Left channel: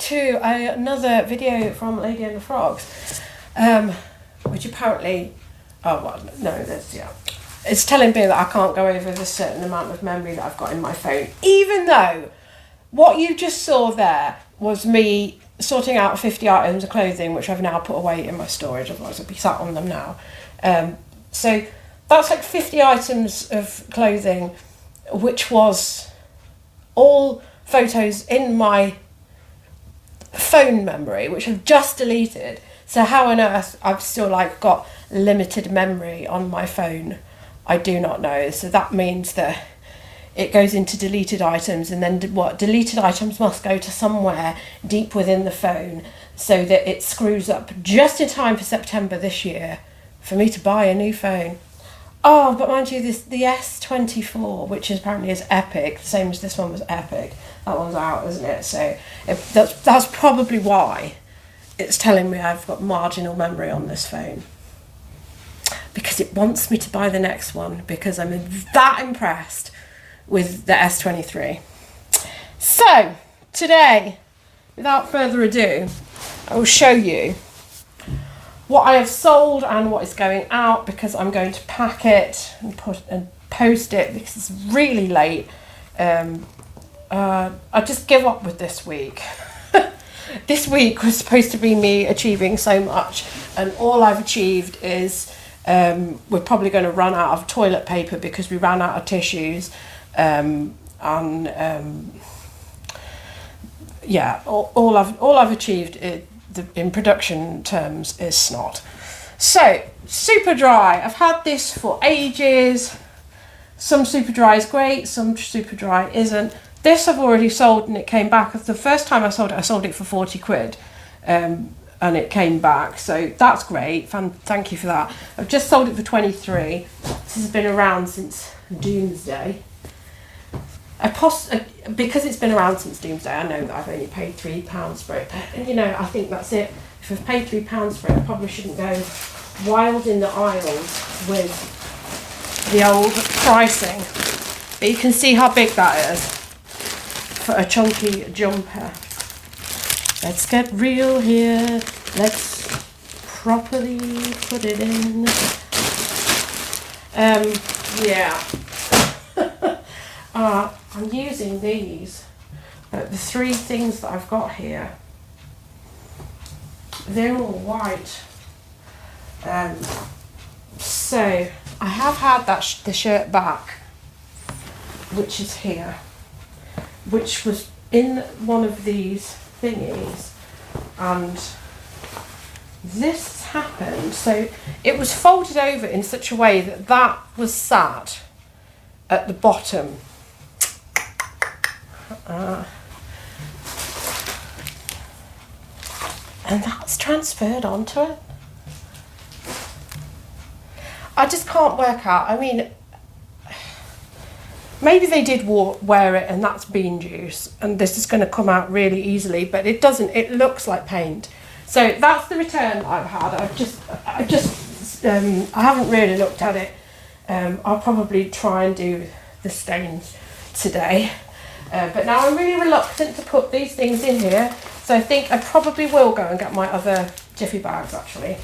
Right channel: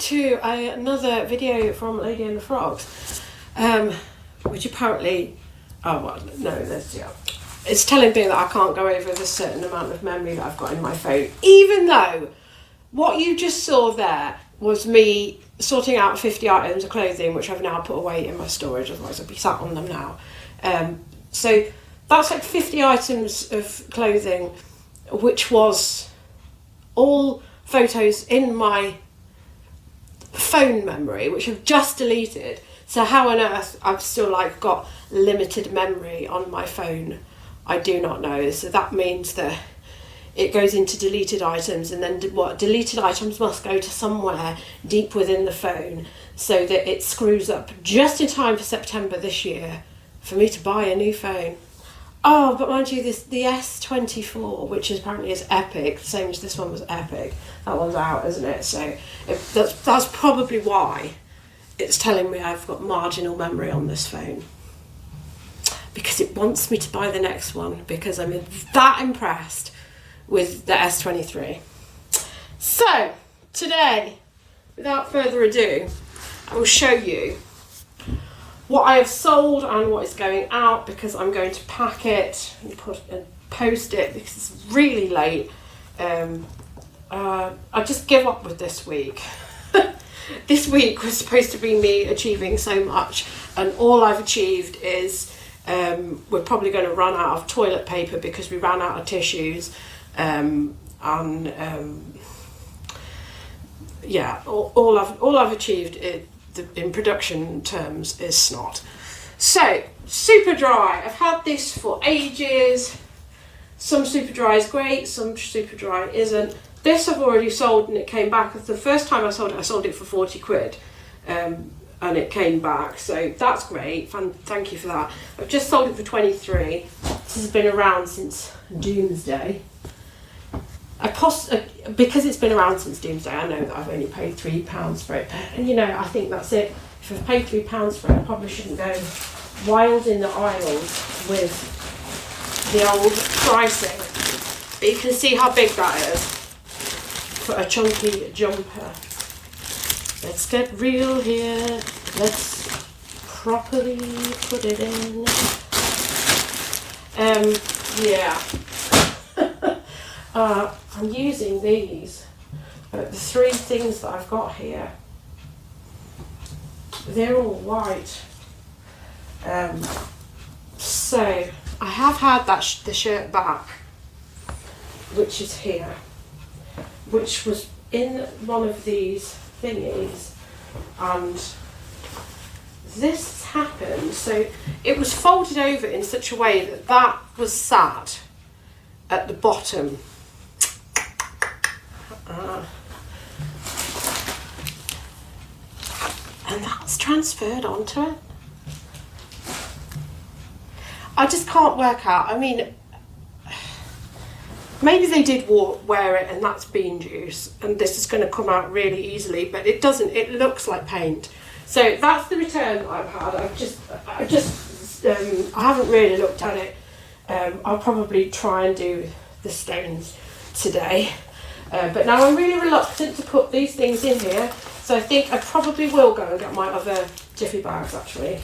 to another video from Lady and the Frogs, which apparently, it's telling me that I can't go over the certain amount of memory that I've got in my phone, even though what you just saw there was me sorting out 50 items of clothing, which I've now put away in my storage, otherwise I'd be sat on them now. So that's like 50 items of clothing, which was all photos in my phone memory, which I've just deleted. So how on earth I've still got limited memory on my phone, I do not know. So that means that it goes into deleted items, and then deleted items must go to somewhere deep within the phone, so that it screws up just in time for September this year for me to buy a new phone. Oh, but mind you, the S24, which apparently is epic, the same as this one was epic. That one's out, isn't it? So that's probably why it's telling me I've got marginal memory on this phone, because it wants me to buy the next one, because I'm that impressed with the S23. So today, without further ado, I will show you what I have sold and what is going out, because I'm going to pack it and post it because it's really late. I just give up with this week. This week was supposed to be me achieving so much, and all I've achieved is we're probably going to run out of toilet paper because we ran out of tissues. All I've achieved in production terms is snot. So super dry, I've had this for ages. Some super dry is great, some super dry isn't. This I've already sold, and it came back. The first time I sold it for 40 quid, and it came back, so that's great. Thank you for that. I've just sold it for 23. This has been around since Doomsday. Because it's been around since Doomsday, I know that I've only paid £3 for it. And I think that's it. If I've paid £3 for it, I probably shouldn't go wild in the aisles with the old pricing. But you can see how big that is for a chunky jumper. Let's get real here. Let's properly put it in. I'm using these, the three things that I've got here, they're all white. So I have had the shirt back, which is here, which was in one of these thingies, and this happened. So it was folded over in such a way that was sat at the bottom. And that's transferred onto it. I just can't work out. I mean, maybe they did wear it and that's bean juice, and this is going to come out really easily, but it doesn't. It looks like paint. So that's the return that I've had. I haven't really looked at it. I'll probably try and do the stains today. But now I'm really reluctant to put these things in here, so I think I probably will go and get my other jiffy bags actually.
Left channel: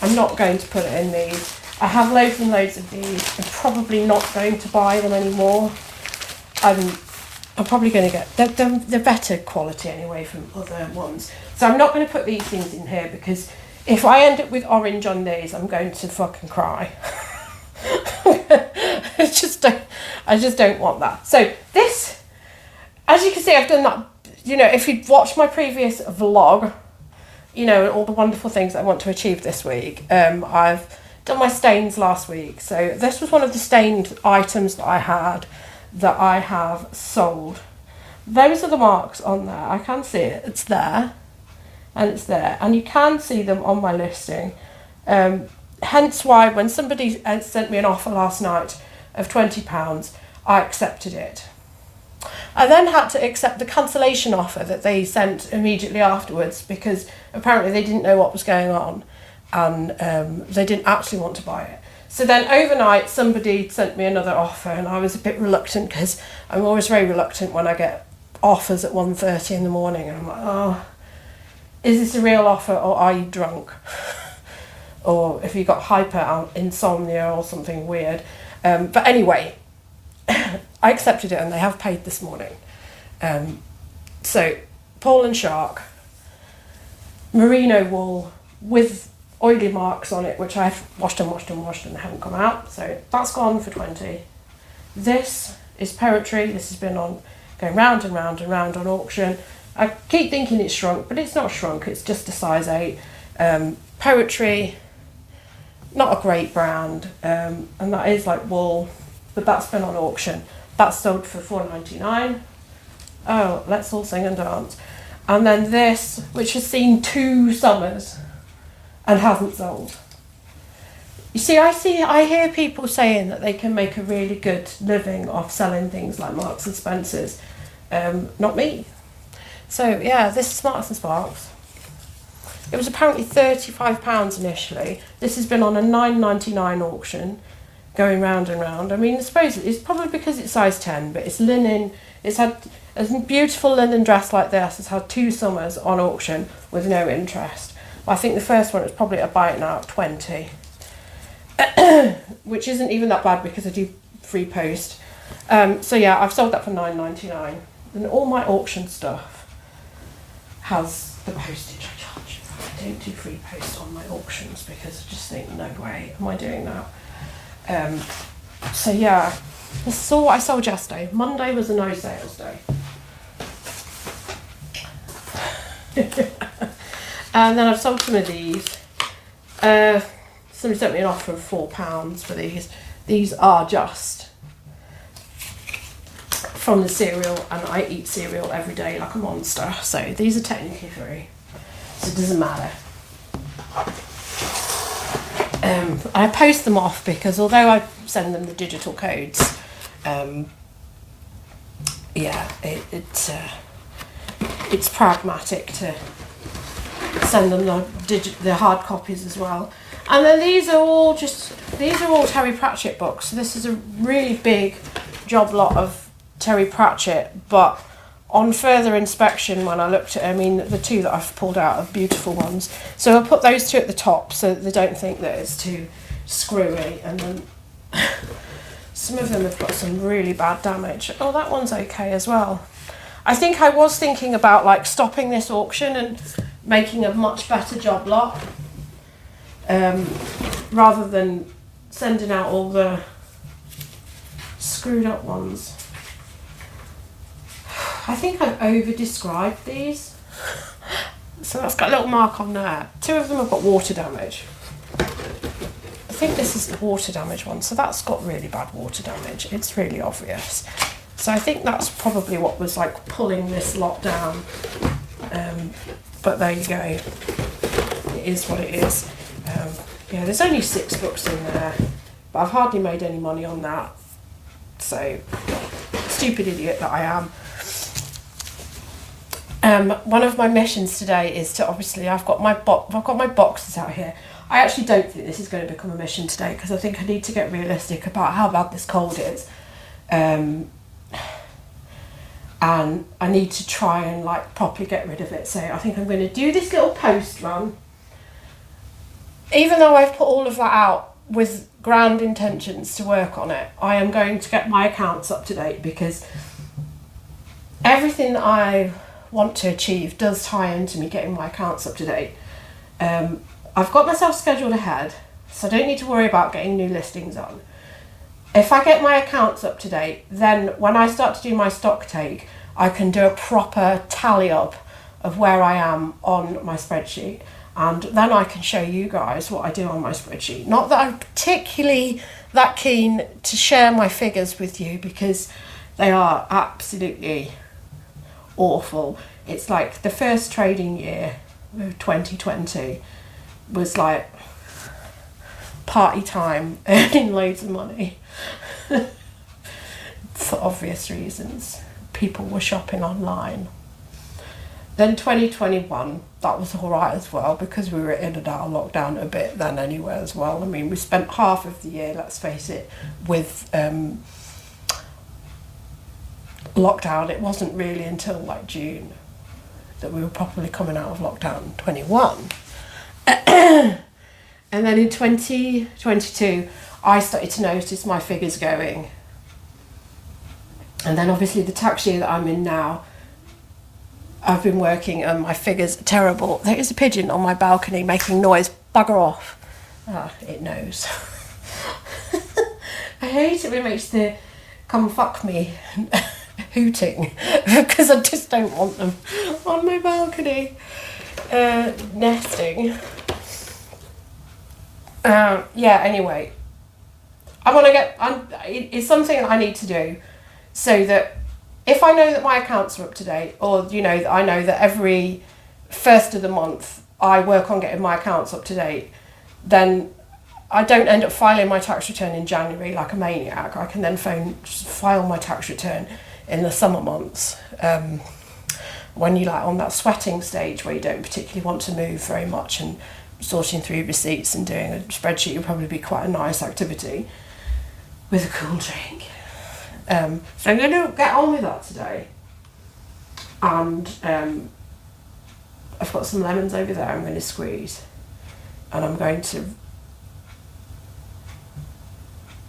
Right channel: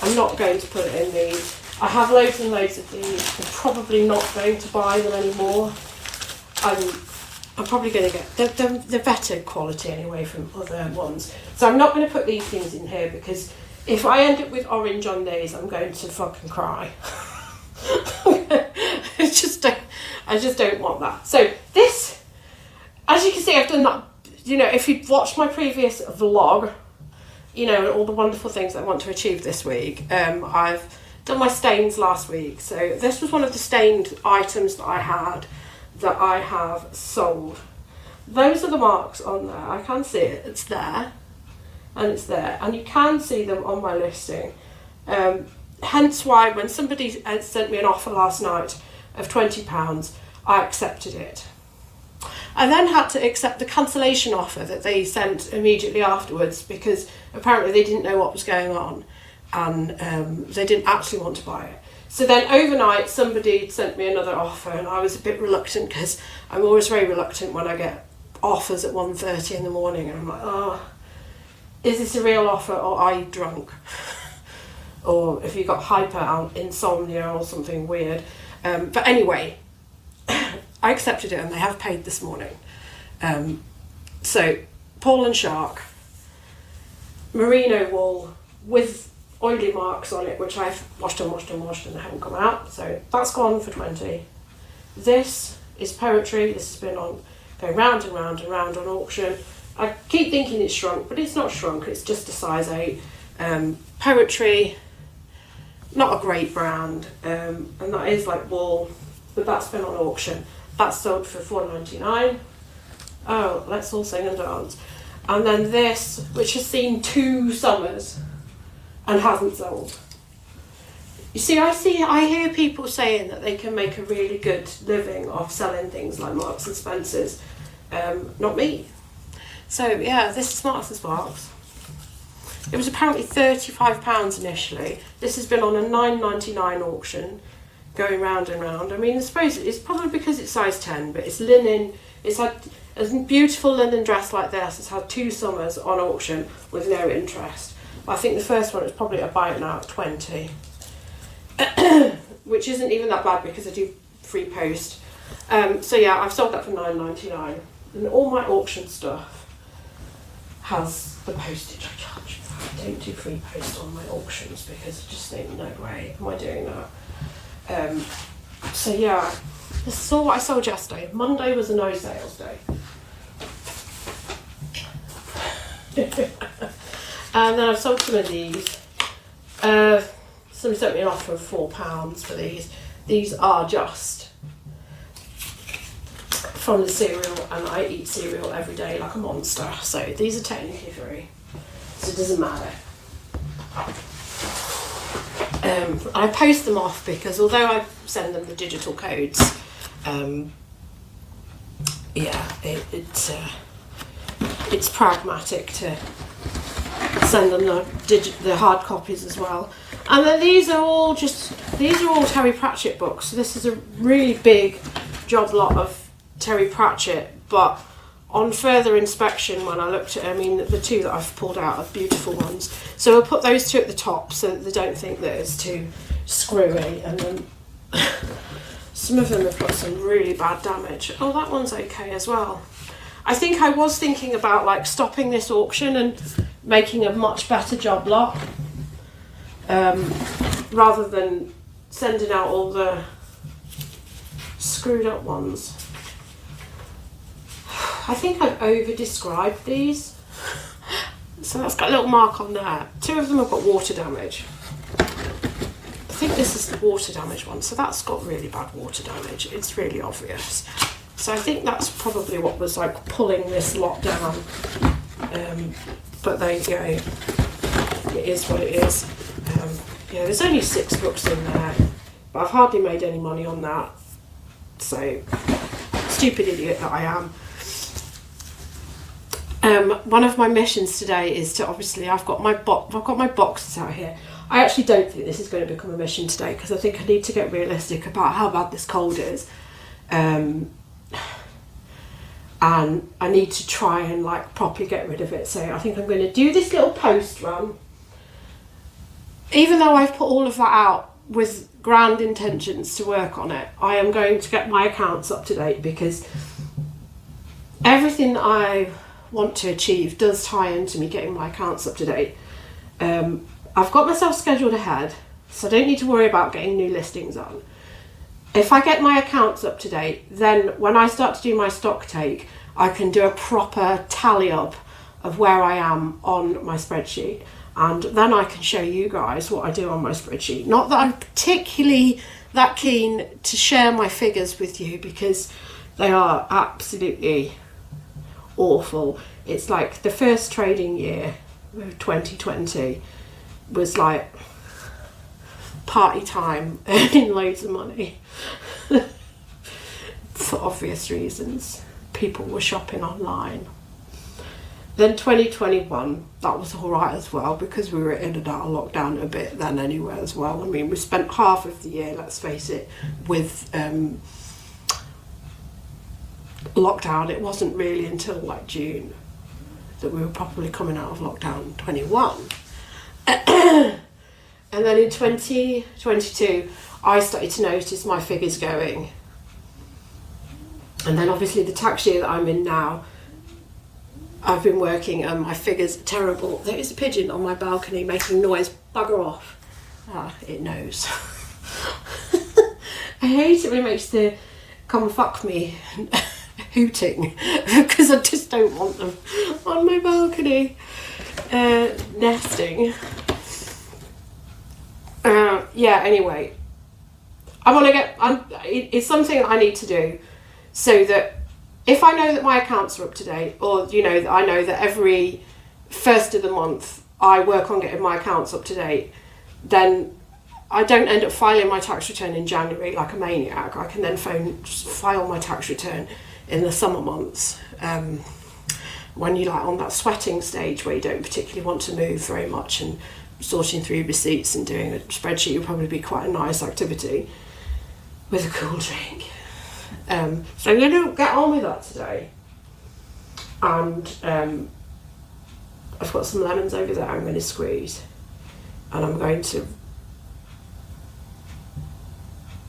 I'm not going to put it in these. I have loads and loads of these. I'm probably not going to buy them anymore. I'm probably going to get the better quality anyway from other ones. So I'm not going to put these things in here, because if I end up with orange on these, I'm going to fucking cry. I just don't want that. So this, as you can see, I've done that. If you've watched my previous vlog, and all the wonderful things I want to achieve this week, I've done my stains last week. So this was one of the stained items that I had that I have sold. Those are the marks on there. I can see it. It's there, and it's there, and you can see them on my listing. Hence why when somebody sent me an offer last night of £20, I accepted it. I then had to accept the cancellation offer that they sent immediately afterwards, because apparently they didn't know what was going on, and they didn't actually want to buy it. So then overnight somebody sent me another offer, and I was a bit reluctant, because I'm always very reluctant when I get offers at 1:30 in the morning, and I'm like, oh, is this a real offer or are you drunk? Or if you've got hyper insomnia or something weird. But anyway, I accepted it and they have paid this morning. So, Paul and Shark, merino wool with oily marks on it, which I've washed and they haven't come out. So that's gone for 20. This is poetry. This has been going round and round and round on auction. I keep thinking it's shrunk, but it's not shrunk. It's just a size 8. Poetry, not a great brand, and that is like wool, but that's been on auction. That's sold for $4.99. Oh, let's all sing and dance. And then this, which has seen 2 summers and hasn't sold. You see, I hear people saying that they can make a really good living off selling things like Marks and Spencer's. Not me. So yeah, this is Marks and Sparks. It was apparently £35 initially. This has been on a $9.99 auction, going round and round. I mean, I suppose it's probably because it's size 10, but it's linen. It's had a beautiful linen dress like this. It's had 2 summers on auction with no interest. I think the first one was probably a bite now at 20, which isn't even that bad because I do free post. So yeah, I've sold that for $9.99, and all my auction stuff has the postage I charge. I don't do free post on my auctions because I just think, no way am I doing that. So yeah, this is all what I sold yesterday. Monday was a no sales day. And then I've sold some of these. Somebody sent me an offer of £4 for these. These are just from the cereal, and I eat cereal every day like a monster. So these are technically free. So it doesn't matter. I post them off because although I send them the digital codes, it's pragmatic to send them the hard copies as well. And then these are all Terry Pratchett books. So this is a really big job lot of Terry Pratchett, but on further inspection, when I looked at it, I mean, the 2 that I've pulled out are beautiful ones. So I'll put those 2 at the top so that they don't think that it's too screwy. And then some of them have got some really bad damage. Oh, that one's okay as well. I think I was thinking about like stopping this auction and making a much better job lot, rather than sending out all the screwed up ones. I think I've over-described these. So that's got a little mark on there. 2 of them have got water damage. I think this is the water damage one, so that's got really bad water damage. It's really obvious. So I think that's probably what was like pulling this lot down. But there you go. It is what it is. Yeah, there's only 6 books in there, but I've hardly made any money on that. So, stupid idiot that I am. One of my missions today is to I've got my boxes out here. I actually don't think this is going to become a mission today because I think I need to get realistic about how bad this cold is. And I need to try and like properly get rid of it. So I think I'm going to do this little post run. Even though I've put all of that out with grand intentions to work on it, I am going to get my accounts up to date because everything that I want to achieve does tie into me getting my accounts up to date. I've got myself scheduled ahead, so I don't need to worry about getting new listings on. If I get my accounts up to date, then when I start to do my stock take, I can do a proper tally up of where I am on my spreadsheet, and then I can show you guys what I do on my spreadsheet. Not that I'm particularly that keen to share my figures with you because they are absolutely awful. It's like the first trading year, 2020, was like party time, earning loads of money for obvious reasons. People were shopping online. Then 2021, that was all right as well because we were in and out of lockdown a bit then anyway as well. I mean, we spent half of the year, let's face it, with lockdown. It wasn't really until like June. that we were probably coming out of lockdown 21. And then in 2022, I started to notice my figures going. And then obviously the tax year that I'm in now, I've been working and my figures are terrible. There is a pigeon on my balcony making noise. Bugger off. Ah, it knows. I hate it when it makes the come fuck me hooting, because I just don't want them on my balcony nesting. Yeah, anyway, I want to get, it's something that I need to do so that if I know that my accounts are up to date, or, you know, I know that every first of the month I work on getting my accounts up to date, then I don't end up filing my tax return in January like a maniac. I can then file my tax return in the summer months, when you're like on that sweating stage where you don't particularly want to move very much, and sorting through receipts and doing a spreadsheet would probably be quite a nice activity with a cool drink. So I'm going to get on with that today. And I've got some lemons over there I'm going to squeeze. And I'm going to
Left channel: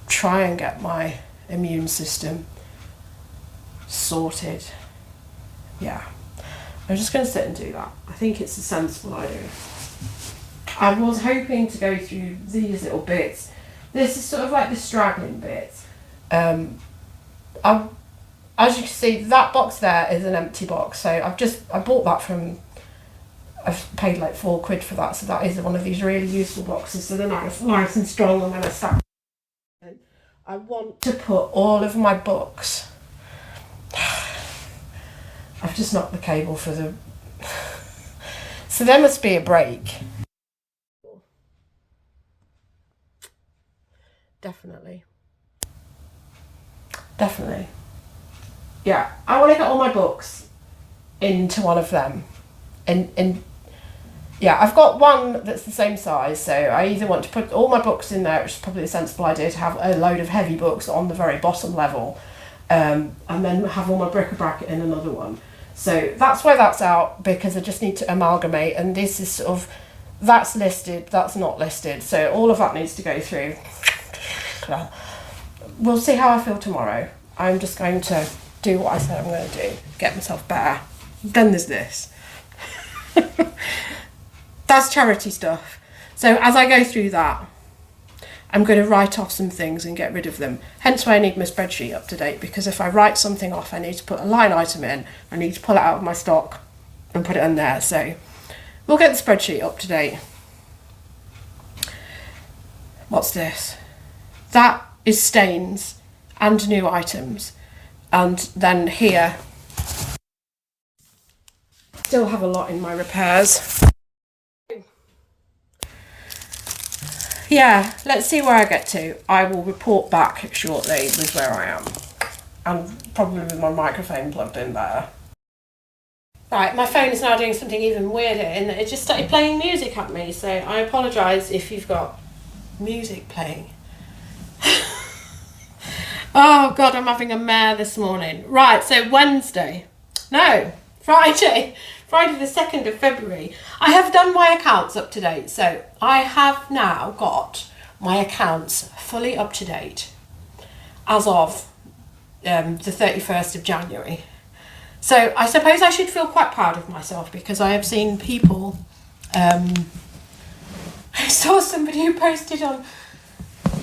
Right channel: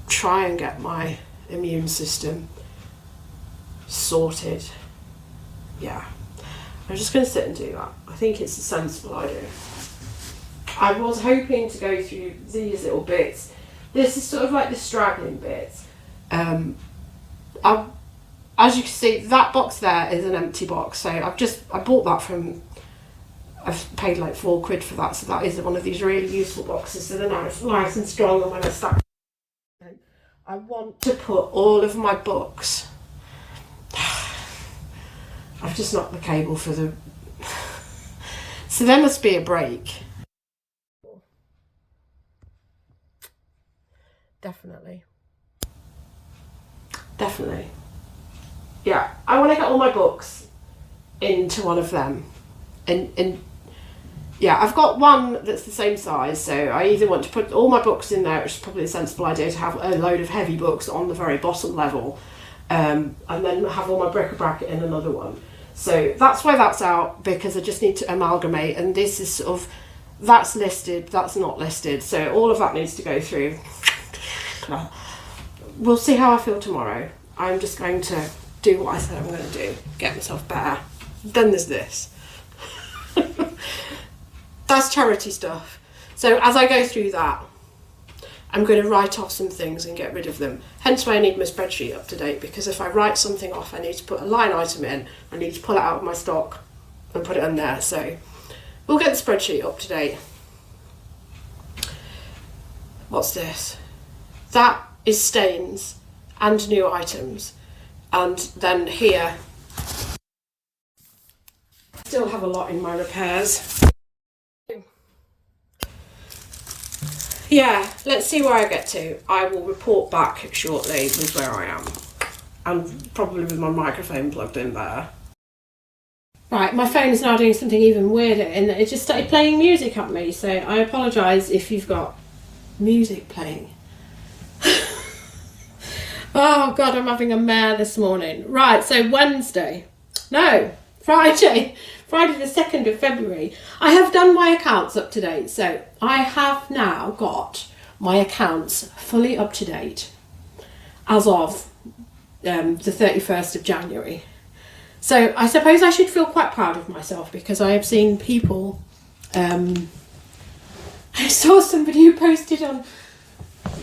try and get my immune system sorted. Yeah. I'm just going to sit and do that. I think it's a sensible idea. I was hoping to go through these little bits. This is sort of like the straggling bits. As you can see, that box there is an empty box. So I bought that from, I've paid like £4 for that. So that is one of these really useful boxes. So they're nice and strong, and when I start, I want to put all of my books. I've just knocked the cable for the... So there must be a break. Definitely. Yeah, I want to get all my books into one of them. And yeah, I've got one that's the same size, so I either want to put all my books in there, which is probably a sensible idea, to have a load of heavy books on the very bottom level, and then have all my bric-a-brac in another one. So that's why that's out, because I just need to amalgamate, and this is sort of, that's listed, that's not listed, so all of that needs to go through. We'll see how I feel tomorrow. I'm just going to do what I said I'm going to do, get myself better. Then there's this. That's charity stuff. So as I go through that, I'm going to write off some things and get rid of them. Hence why I need my spreadsheet up to date, because if I write something off, I need to put a line item in. I need to pull it out of my stock and put it in there. So we'll get the spreadsheet up to date. What's this? That is stains and new items. And then here, still have a lot in my repairs. Yeah, let's see where I get to. I will report back shortly with where I am. And probably with my microphone plugged in there. Right, my phone is now doing something even weirder in that it just started playing music at me, so I apologise if you've got music playing. Oh God, I'm having a mare this morning. Right, so Friday the 2nd of February, I have done my accounts up to date. So I have now got my accounts fully up to date as of the 31st of January. So I suppose I should feel quite proud of myself, because I have seen people, I saw somebody who posted on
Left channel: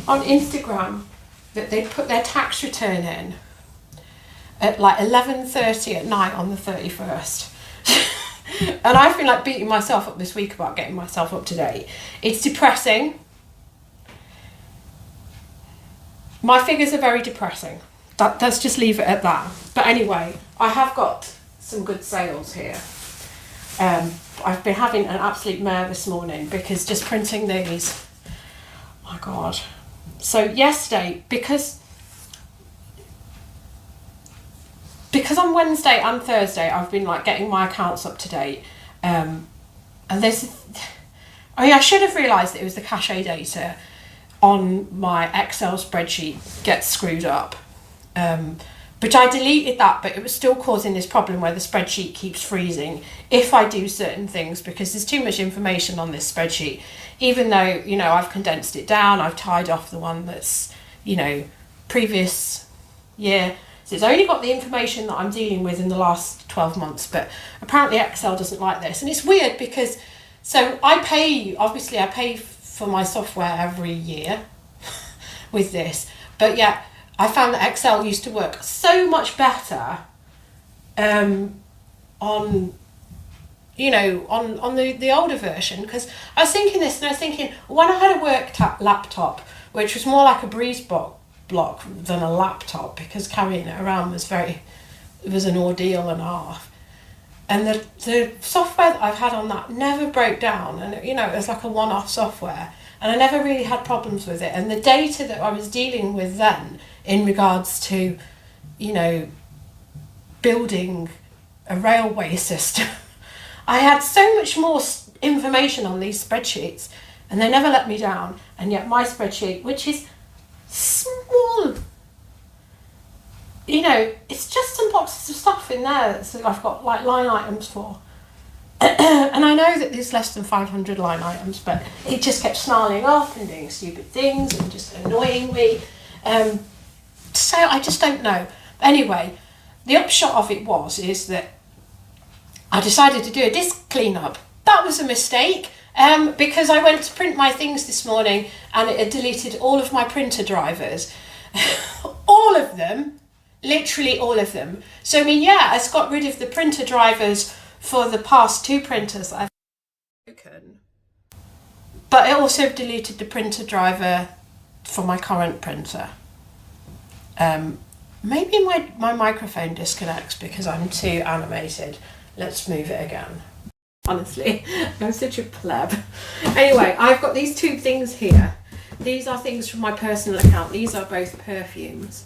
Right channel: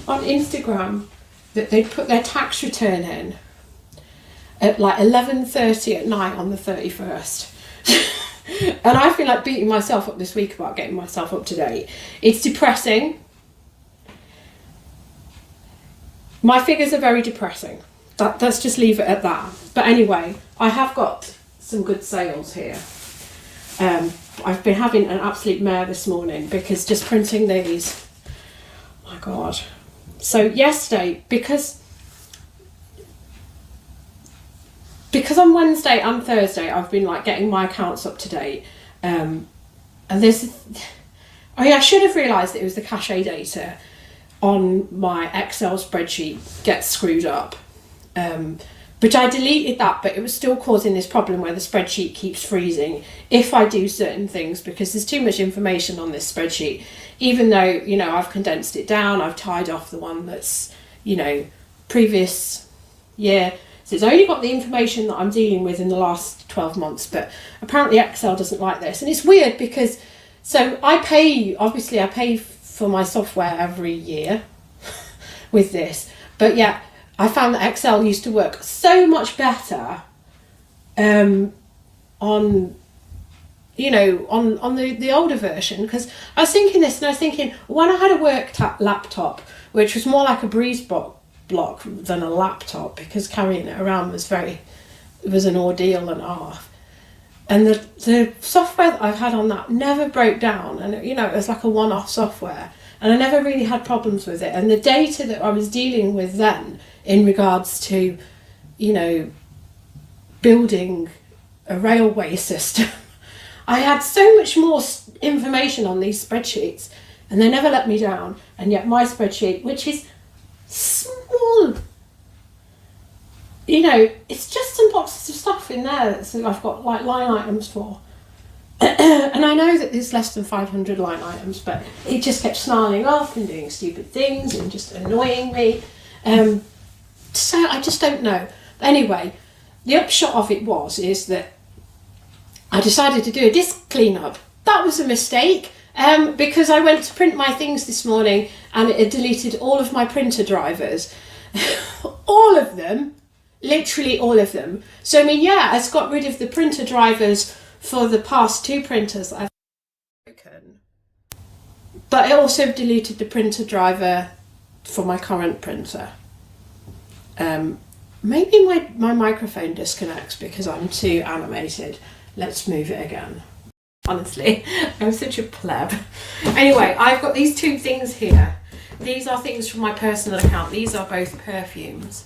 Instagram that they'd put their tax return in at like 11:30 at night on the 31st. And I've been like beating myself up this week about getting myself up to date. It's depressing. My figures are very depressing. Let's just leave it at that. But anyway, I have got some good sales here. I've been having an absolute mare this morning, because just printing these, oh my God. So yesterday, because on Wednesday and Thursday I've been like getting my accounts up to date, and this, I should have realised that it was the cachet data on my Excel spreadsheet gets screwed up, But I deleted that, but it was still causing this problem where the spreadsheet keeps freezing if I do certain things, because there's too much information on this spreadsheet. Even though, you know, I've condensed it down, I've tied off the one that's, you know, previous year. So it's only got the information that I'm dealing with in the last 12 months, but apparently Excel doesn't like this. And it's weird because, so I pay for my software every year with this, but yeah, I found that Excel used to work so much better on, you know, on the older version, because I was thinking this and I was thinking, when I had a work laptop, which was more like a breeze block than a laptop, because carrying it around was an ordeal and a half. And the software that I've had on that never broke down, and you know, it was like a one-off software, and I never really had problems with it. And the data that I was dealing with then in regards to, you know, building a railway system, I had so much more information on these spreadsheets, and they never let me down. And yet my spreadsheet, which is small, you know, it's just some boxes of stuff in there that I've got like line items for. And I know that there's less than 500 line items, but it just kept snarling off and doing stupid things and just annoying me. So I just don't know. Anyway, the upshot of it is that I decided to do a disk cleanup. That was a mistake, because I went to print my things this morning and it had deleted all of my printer drivers. All of them, literally all of them. So I mean, yeah, it's got rid of the printer drivers for the past 2 printers I've broken, but it also deleted the printer driver for my current printer. Maybe my microphone disconnects because I'm too animated. Let's move it again. Honestly, I'm such a pleb. Anyway, I've got these 2 things here. These are things from my personal account. These are both perfumes.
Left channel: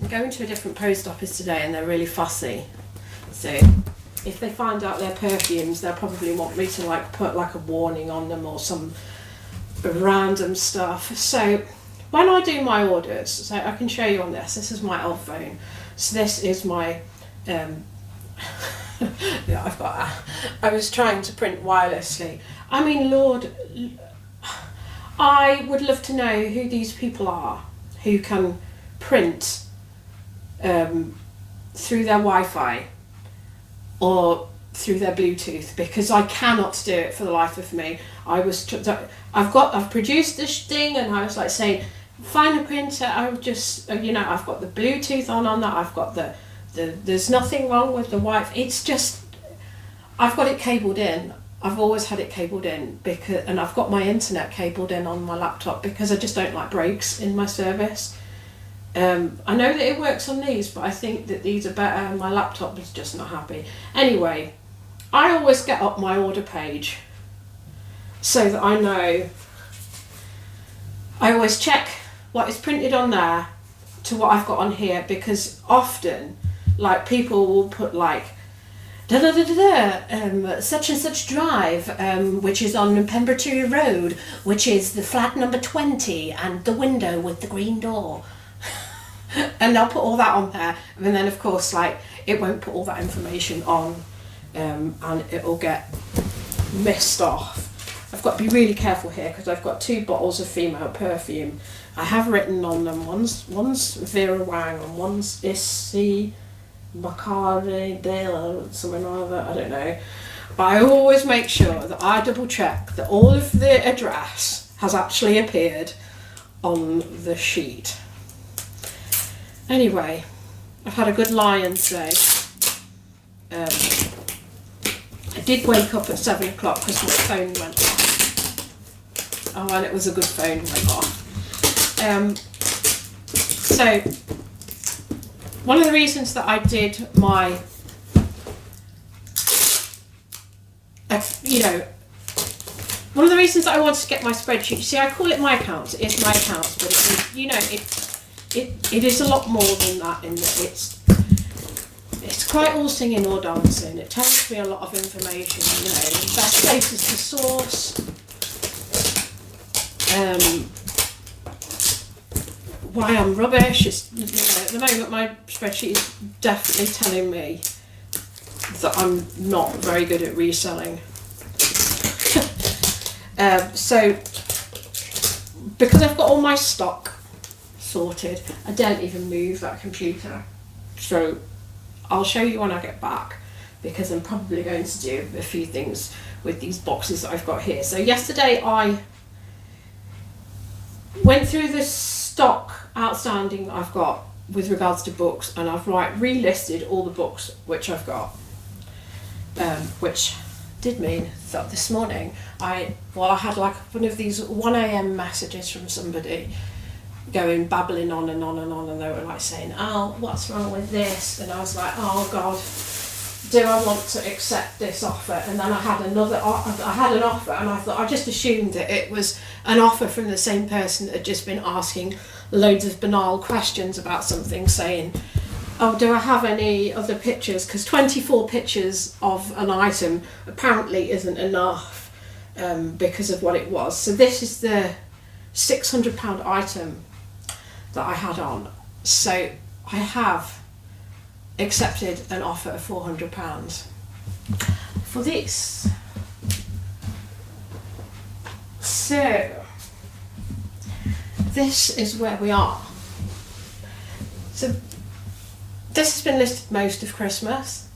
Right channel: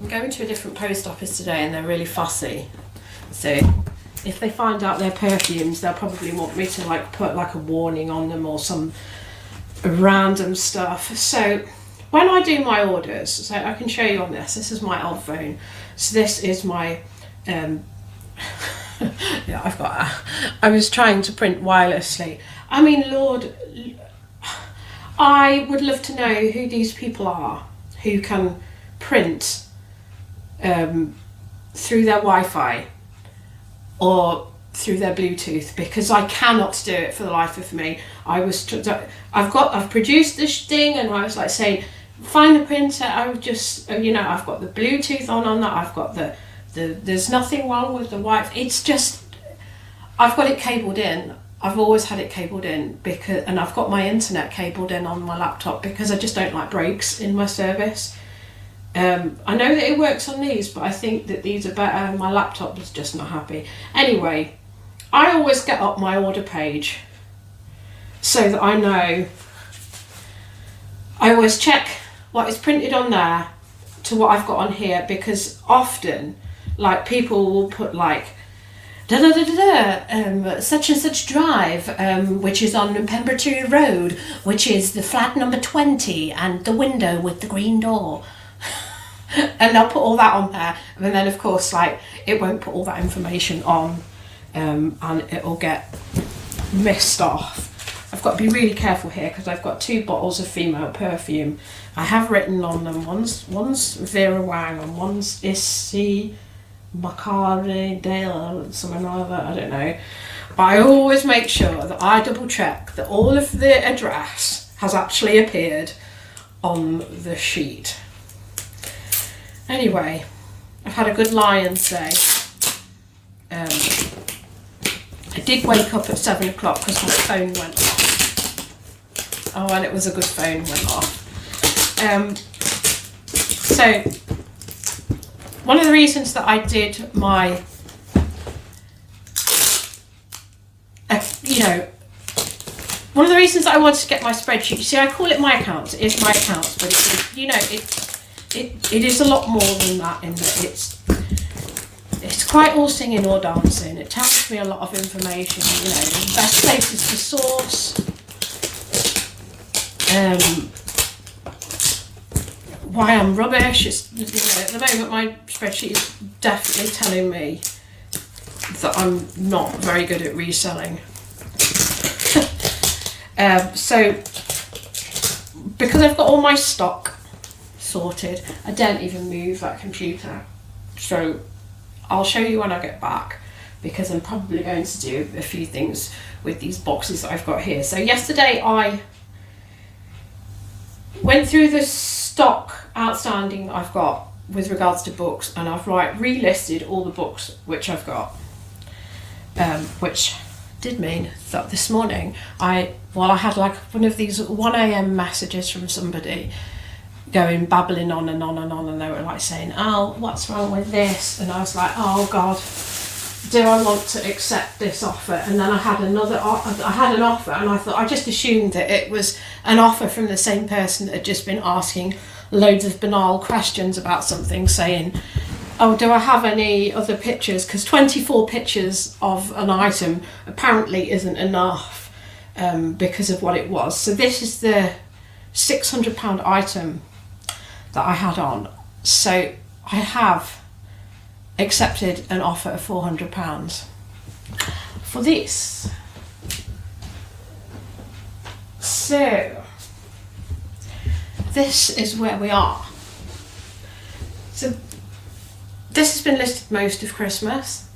I'm going to a different post office today and they're really fussy. So if they find out they're perfumes, they'll probably want me to like put like a warning on them or some random stuff. So when I do my orders, so I can show you on this. This is my old phone. So this is my, yeah, I was trying to print wirelessly. I mean, Lord, I would love to know who these people are who can print through their Wi-Fi or through their Bluetooth, because I cannot do it for the life of me. I've produced this thing and I was like saying, find a printer. I would just, you know, I've got the Bluetooth on that. I've got there's nothing wrong with the Wi-Fi. It's just, I've got it cabled in. I've always had it cabled in and I've got my internet cabled in on my laptop because I just don't like breaks in my service. I know that it works on these, but I think that these are better and my laptop is just not happy. Anyway, I always get up my order page so that I know. I always check what is printed on there to what I've got on here, because often, like, people will put like such and such drive, which is on Pemberton Road, which is the flat number 20 and the window with the green door. And they'll put all that on there, and then of course, like, it won't put all that information on, and it'll get missed off. I've got to be really careful here because I've got 2 bottles of female perfume. I have written on them, one's Vera Wang and one's Issy Macari Dale, something or other, I don't know. But I always make sure that I double check that all of the address has actually appeared on the sheet. Anyway, I've had a good Lions Day. I did wake up at 7 o'clock because my phone went off. Oh, well, it was a good phone went off. So, one of the reasons that I did my, one of the reasons that I wanted to get my spreadsheet, see, I call it my accounts, it is my accounts, but it is a lot more than that, in that it's quite all singing or dancing. It tells me a lot of information, best places to source, why I'm rubbish. It's, you know, at the moment my spreadsheet is definitely telling me that I'm not very good at reselling. So because I've got all my stock sorted, I don't even move that computer. So I'll show you when I get back, because I'm probably going to do a few things with these boxes that I've got here. So yesterday I went through the stock outstanding I've got with regards to books, and I've relisted all the books which I've got, which did mean that this morning I had like one of these 1 a.m. messages from somebody going babbling on and on and on, and they were like saying, oh, what's wrong with this? And I was like, oh God, do I want to accept this offer? And then I had an offer, and I thought, I just assumed that it was an offer from the same person that had just been asking loads of banal questions about something, saying, oh, do I have any other pictures? Because 24 pictures of an item apparently isn't enough, because of what it was. So this is the £600 item that I had on. So I have accepted an offer of £400 for this. So this is where we are. So this has been listed most of Christmas,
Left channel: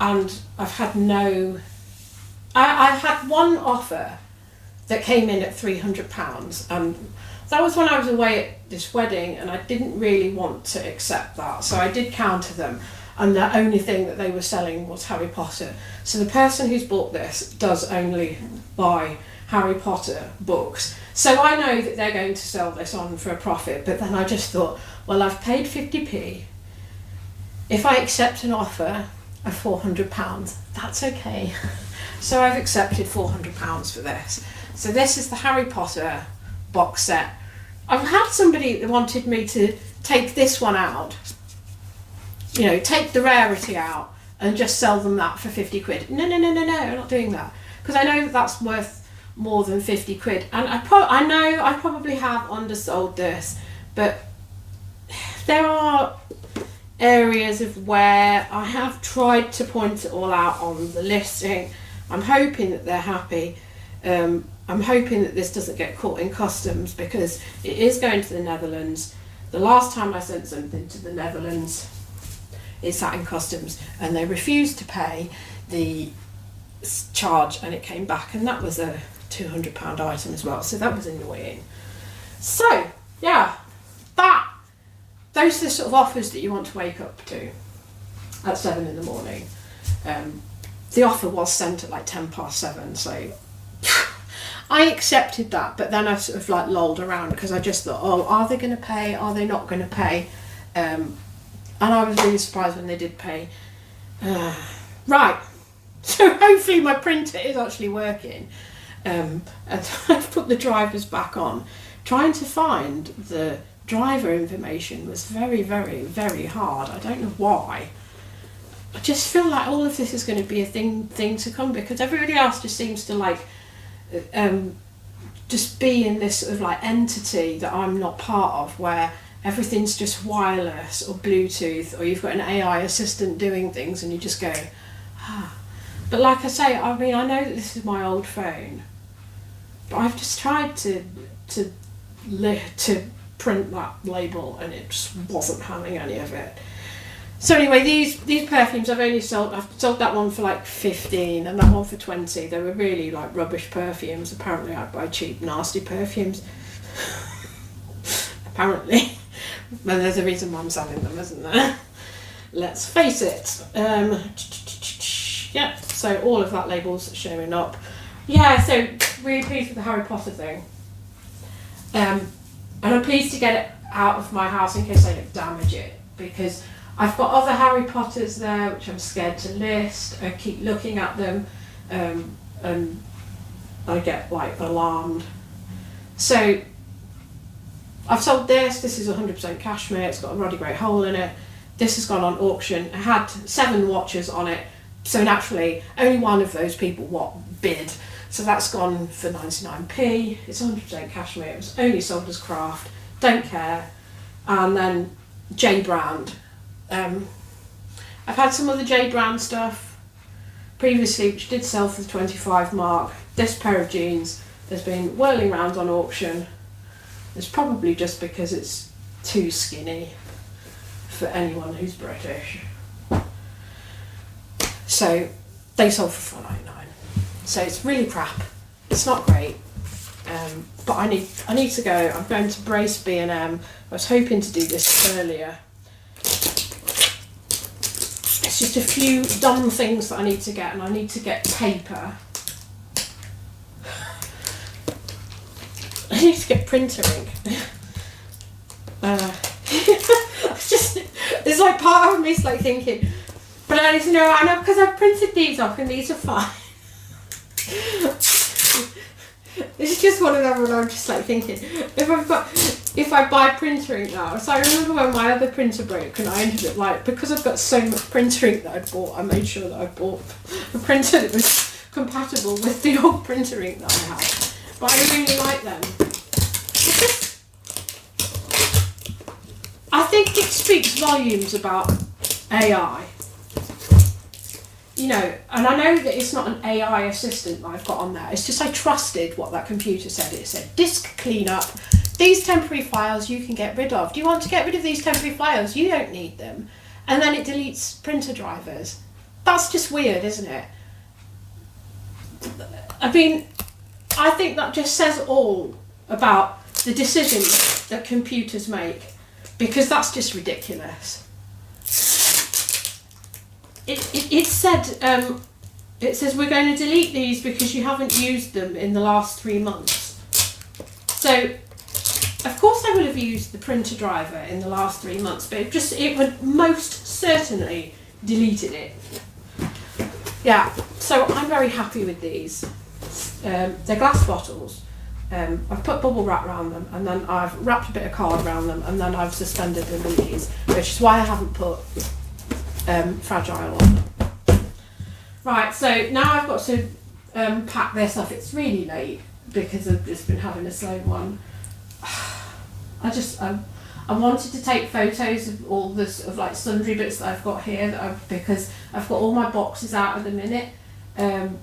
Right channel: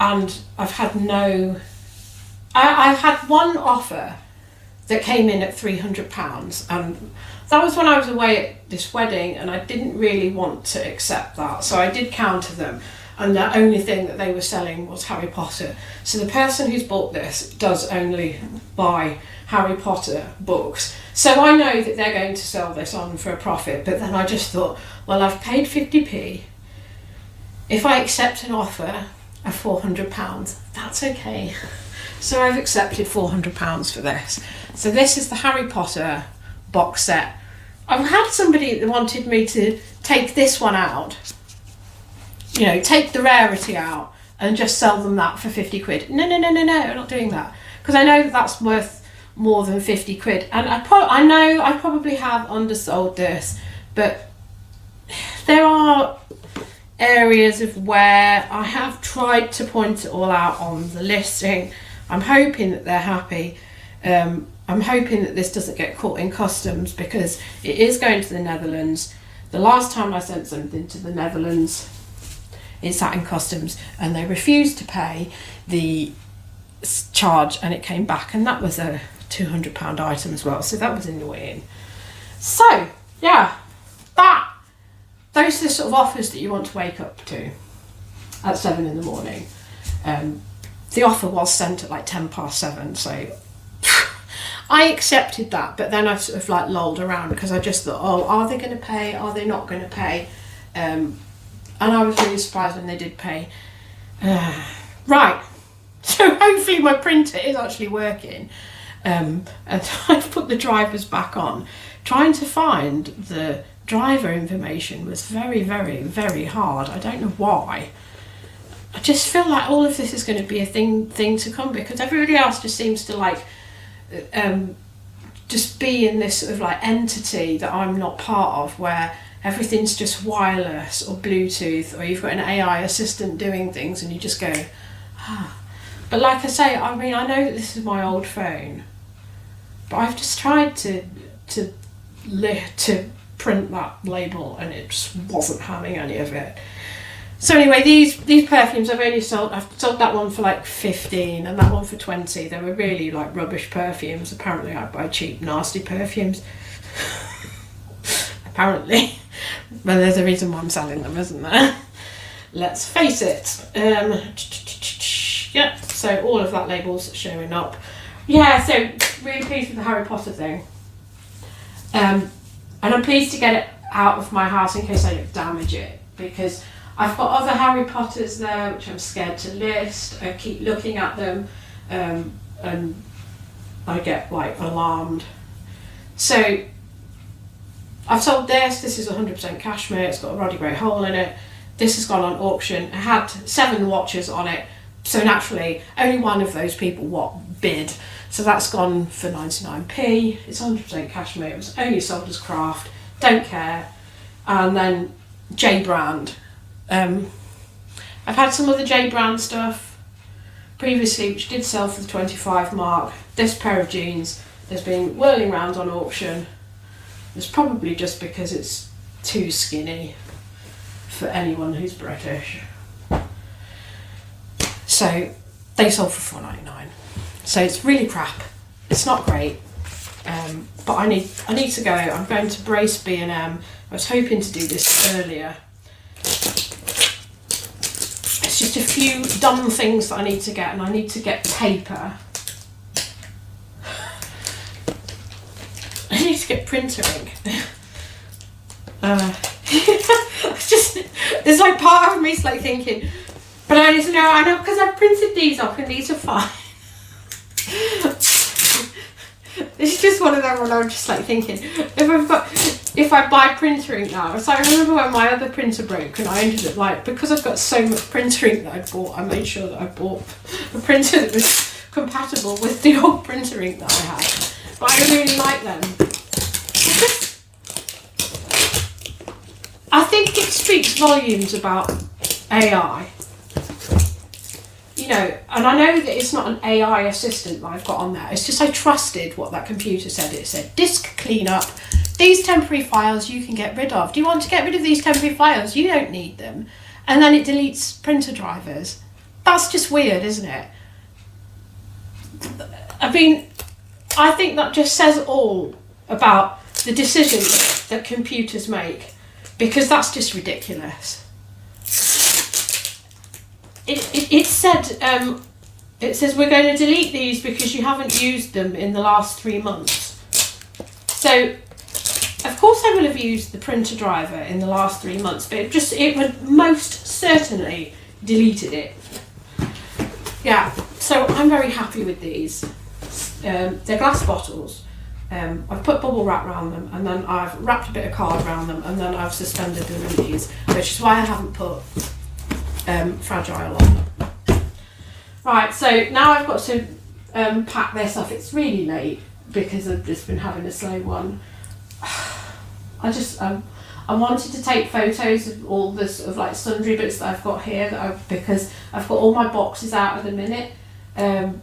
and I've had I've had one offer that came in at £300, and that was when I was away at this wedding, and I didn't really want to accept that, so I did counter them, and the only thing that they were selling was Harry Potter. So the person who's bought this does only buy Harry Potter books, so I know that they're going to sell this on for a profit. But then I just thought, well, I've paid 50p. If I accept an offer of £400, that's okay. So I've accepted £400 for this. So this is the Harry Potter box set. I've had somebody that wanted me to take this one out, you know, take the rarity out and just sell them that for 50 quid. No, I'm not doing that, because I know that that's worth more than 50 quid. And I know I probably have undersold this, but there are areas of where I have tried to point it all out on the listing. I'm hoping that they're happy. I'm hoping that this doesn't get caught in customs, because it is going to the Netherlands. The last time I sent something to the Netherlands, it sat in customs and they refused to pay the charge, and it came back, and that was a £200 item as well, so that was annoying. So yeah, those are the sort of offers that you want to wake up to at 7 in the morning. The offer was sent at like 7:10, so I accepted that, but then I sort of like lolled around, because I just thought, oh, are they going to pay? Are they not going to pay? And I was really surprised when they did pay. Right, so hopefully my printer is actually working. And I've put the drivers back on. Trying to find the driver information was very, very, very hard. I don't know why. I just feel like all of this is going to be a thing to come, because everybody else just seems to like just be in this sort of like entity that I'm not part of, where everything's just wireless or Bluetooth, or you've got an AI assistant doing things and you just go, ah. But like I say, I mean, I know that this is my old phone, but I've just tried to print that label, and it just wasn't having any of it. So anyway, these perfumes I've sold that one for like 15 and that one for 20. They were really like rubbish perfumes. Apparently I buy cheap, nasty perfumes. Apparently. But there's a reason why I'm selling them, isn't there? Let's face it. Yeah, so all of that label's showing up. Yeah, so really pleased with the Harry Potter thing. And I'm pleased to get it out of my house in case I damage it, because I've got other Harry Potters there which I'm scared to list. I keep looking at them, and I get like alarmed. So I've sold this. This is 100% cashmere. It's got a Roddy Gray hole in it. This has gone on auction. It had 7 watches on it, so naturally only one of those people bid. So that's gone for 99p. It's 100% cashmere. It was only sold as craft. don't care. And then J brand. I've had some other J brand stuff previously which did sell for the 25 mark. This pair of jeans has been whirling around on auction. It's probably just because it's too skinny for anyone who's British. So they sold for $4.99. So it's really crap. It's not great. But I need to go. I'm going to Brace B&M. I was hoping to do this earlier. It's just a few dumb things that I need to get, and I need to get paper. I need to get printer ink. It's like part of me is like thinking, but I know because I've printed these off and these are fine. It's just one of them where I'm just like thinking, if I buy printer ink now. So I remember when my other printer broke and I ended up like, because I've got so much printer ink that I bought, I made sure that I bought a printer that was compatible with the old printer ink that I had. But I really like them. I think it speaks volumes about AI. You know, and I know that it's not an AI assistant that I've got on there. It's just I trusted what that computer said. It said, disk cleanup. These temporary files you can get rid of. Do you want to get rid of these temporary files? You don't need them. And then it deletes printer drivers. That's just weird, isn't it? I mean, I think that just says all about the decisions that computers make, because that's just ridiculous. It says we're going to delete these because you haven't used them in the last 3 months. So, of course I will have used the printer driver in the last 3 months, but it would most certainly deleted it. Yeah, so I'm very happy with these. They're glass bottles. I've put bubble wrap around them, and then I've wrapped a bit of card around them, and then I've suspended them in these, which is why I haven't put fragile on them. Right, so now I've got to pack this up. It's really late because I've just been having a slow one. I wanted to take photos of all the sort of like sundry bits that I've got here because I've got all my boxes out at the minute, and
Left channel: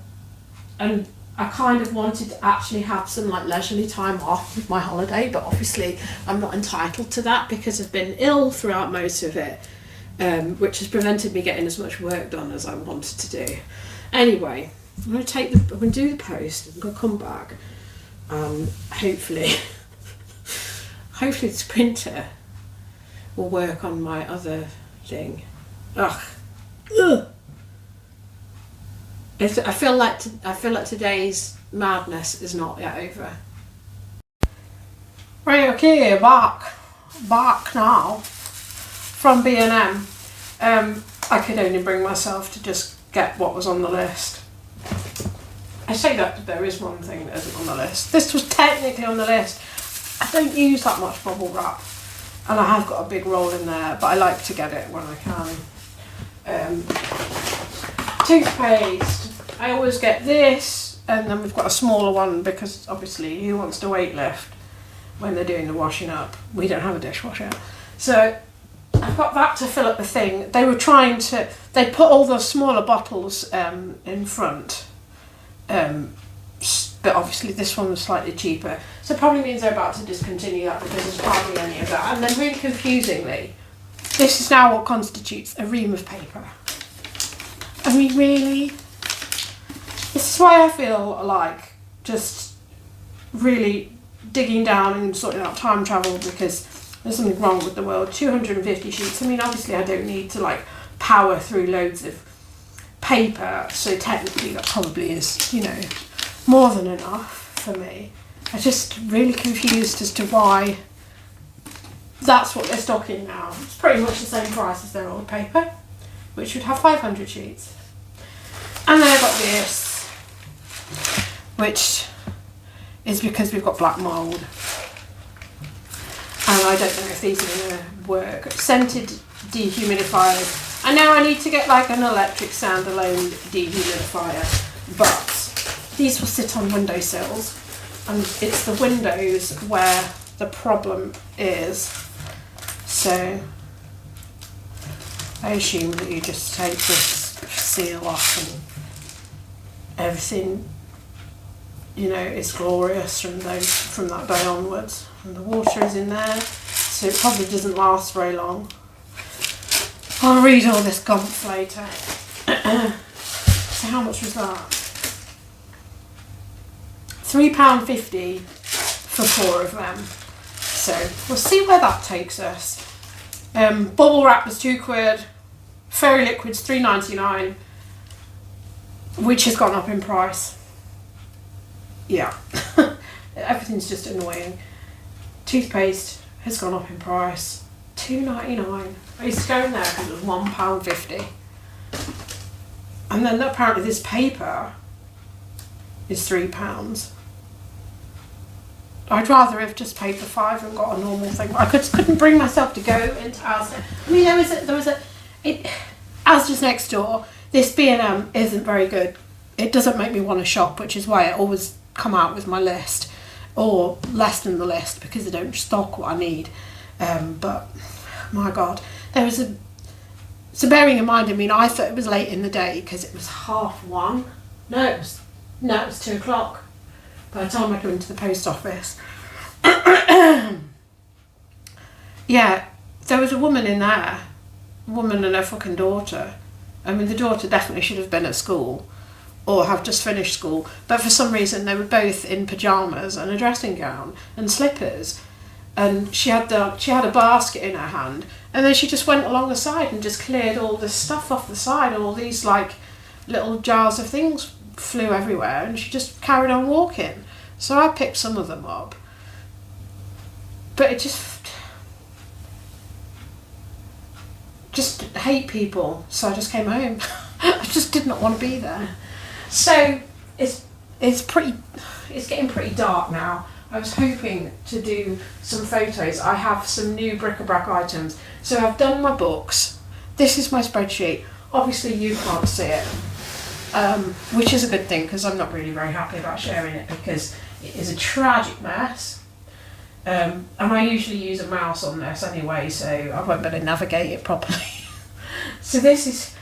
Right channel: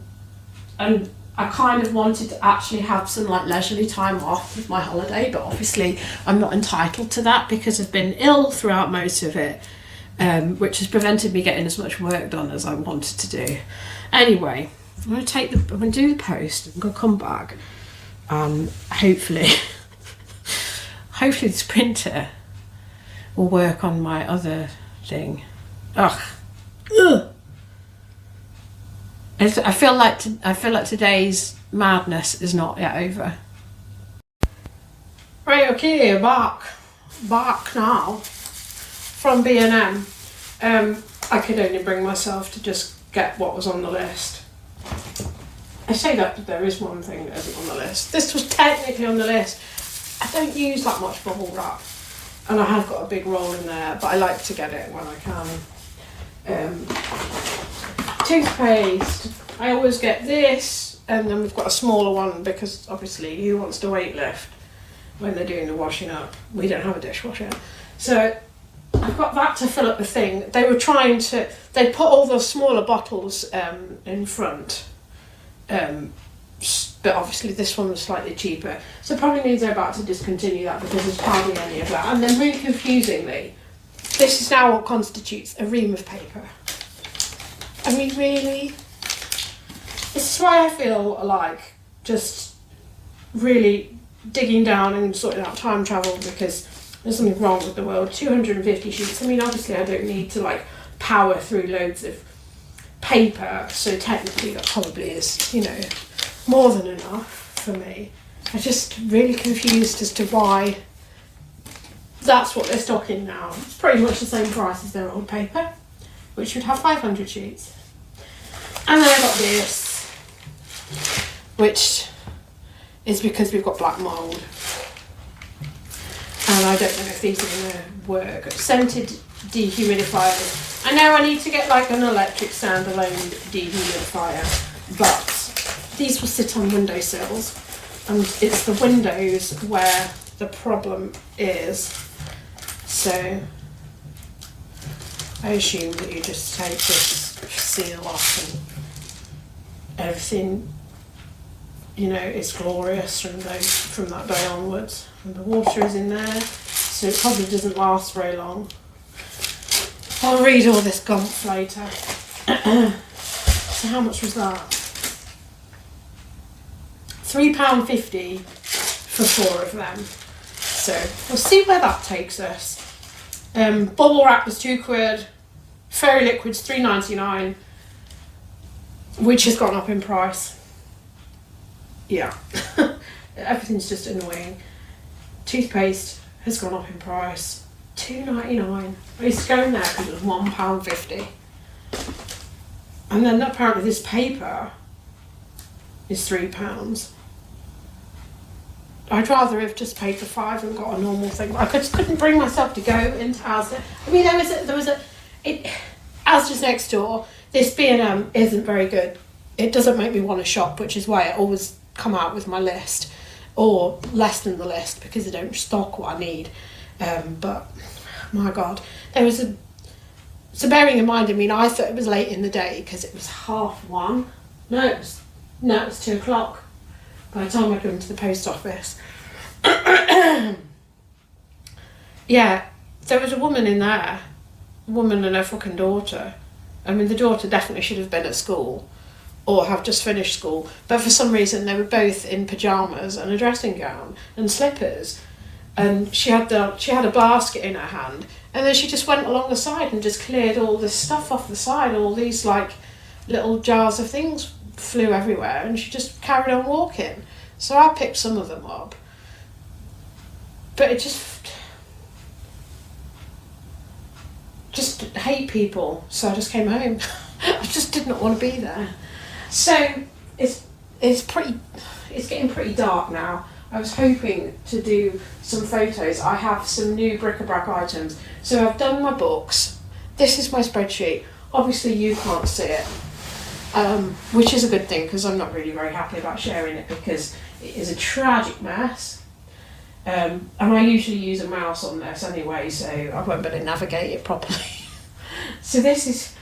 I kind of wanted to actually have some like leisurely time off with my holiday, but obviously I'm not entitled to that because I've been ill throughout most of it, which has prevented me getting as much work done as I wanted to do. Anyway, I'm going to do the post. I'm going to come back. Hopefully this printer will work on my other thing. Ugh. I feel like today's madness is not yet over. Right, okay, back now from B&M. I could only bring myself to just get what was on the list. I say that there is one thing that isn't on the list. This was technically on the list. I don't use that much bubble wrap, and I have got a big roll in there, but I like to get it when I can. Toothpaste. I always get this, and then we've got a smaller one because obviously who wants to weight lift when they're doing the washing up? We don't have a dishwasher. So I've got that to fill up the thing. They put all the smaller bottles in front, but obviously this one was slightly cheaper. So it probably means they're about to discontinue that because there's hardly any of that. And then really confusingly, this is now what constitutes a ream of paper. I mean, really? This is why I feel like just really digging down and sorting out time travel, because there's something wrong with the world. 250 sheets. I mean, obviously I don't need to like power through loads of paper, so technically that probably is, you know, more than enough for me. I'm just really confused as to why that's what they're stocking now. It's pretty much the same price as their old paper, which would have 500 sheets. And then I got this, which is because we've got black mould. And I don't know if these are going to work. Scented dehumidifiers. I know I need to get like an electric standalone dehumidifier, but these will sit on windowsills. And it's the windows where the problem is. So I assume that you just take this seal off and everything, you know, is glorious from that day onwards. And the water is in there, so it probably doesn't last very long. I'll read all this gumph later. So how much was that? £3.50 for 4 of them. So we'll see where that takes us. Bubble wrap was £2, fairy liquids £3.99, which has gone up in price. Yeah, everything's just annoying. Toothpaste has gone up in price, £2.99. I used to go in there because it was £1.50. And then apparently this paper is £3. I'd rather have just paid the £5 and got a normal thing. I couldn't bring myself to go into Asda. I mean, Asda's next door. This B&M isn't very good. It doesn't make me want to shop, which is why I always come out with my list, or less than the list, because they don't stock what I need. But my God, so bearing in mind, I mean, I thought it was late in the day because it was 1:30. No, it was 2 o'clock by the time I go into the post office. Yeah, there was a woman in there, a woman and her fucking daughter. I mean, the daughter definitely should have been at school or have just finished school, but for some reason they were both in pyjamas and a dressing gown and slippers, and she had a basket in her hand, and then she just went along the side and just cleared all this stuff off the side, all these like little jars of things flew everywhere, and she just carried on walking. So I picked some of them up, but it just hate people, so I just came home. I just did not want to be there. So it's getting pretty dark now. I was hoping to do some photos. I have some new bric-a-brac items. So I've done my books. This is my spreadsheet. Obviously you can't see it, which is a good thing because I'm not really very happy about sharing it because it is a tragic mess. And I usually use a mouse on this anyway, so I won't be able to navigate it properly. So this is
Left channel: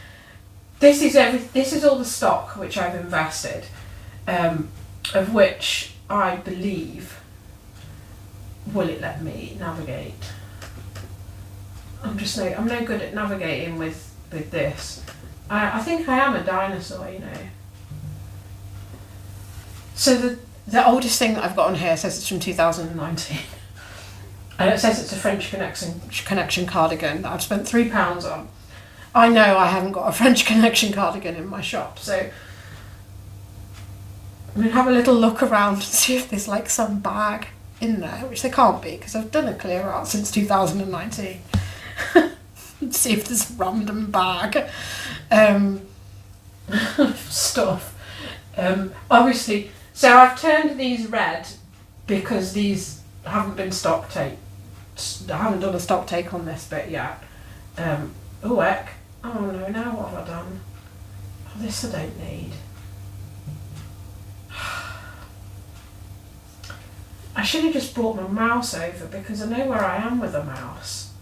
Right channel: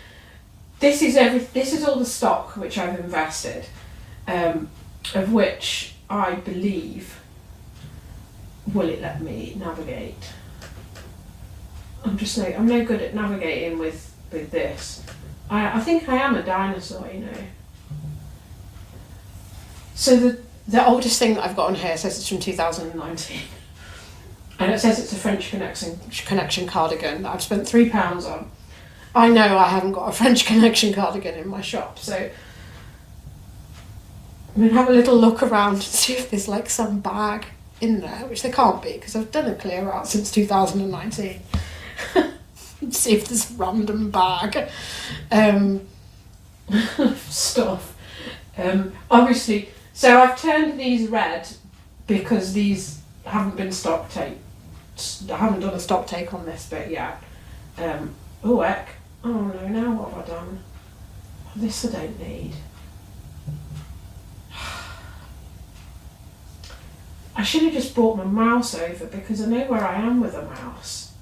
all the stock which I've invested, of which I believe, will it let me navigate? I'm no good at navigating with this. I think I am a dinosaur, you know. So the oldest thing that I've got on here says it's from 2019. And it says it's a French Connection cardigan that I've spent £3 on. I know I haven't got a French Connection cardigan in my shop, so I'm going to have a little look around and see if there's like some bag in there, which there can't be because I've done a clear out since 2019. See if there's a random bag. Stuff. Obviously, so I've turned these red because these haven't been stock take. I haven't done a stock take on this bit yet. Oh heck. Oh no, now what have I done? Oh, this I don't need. I should have just brought my mouse over because I know where I am with a mouse.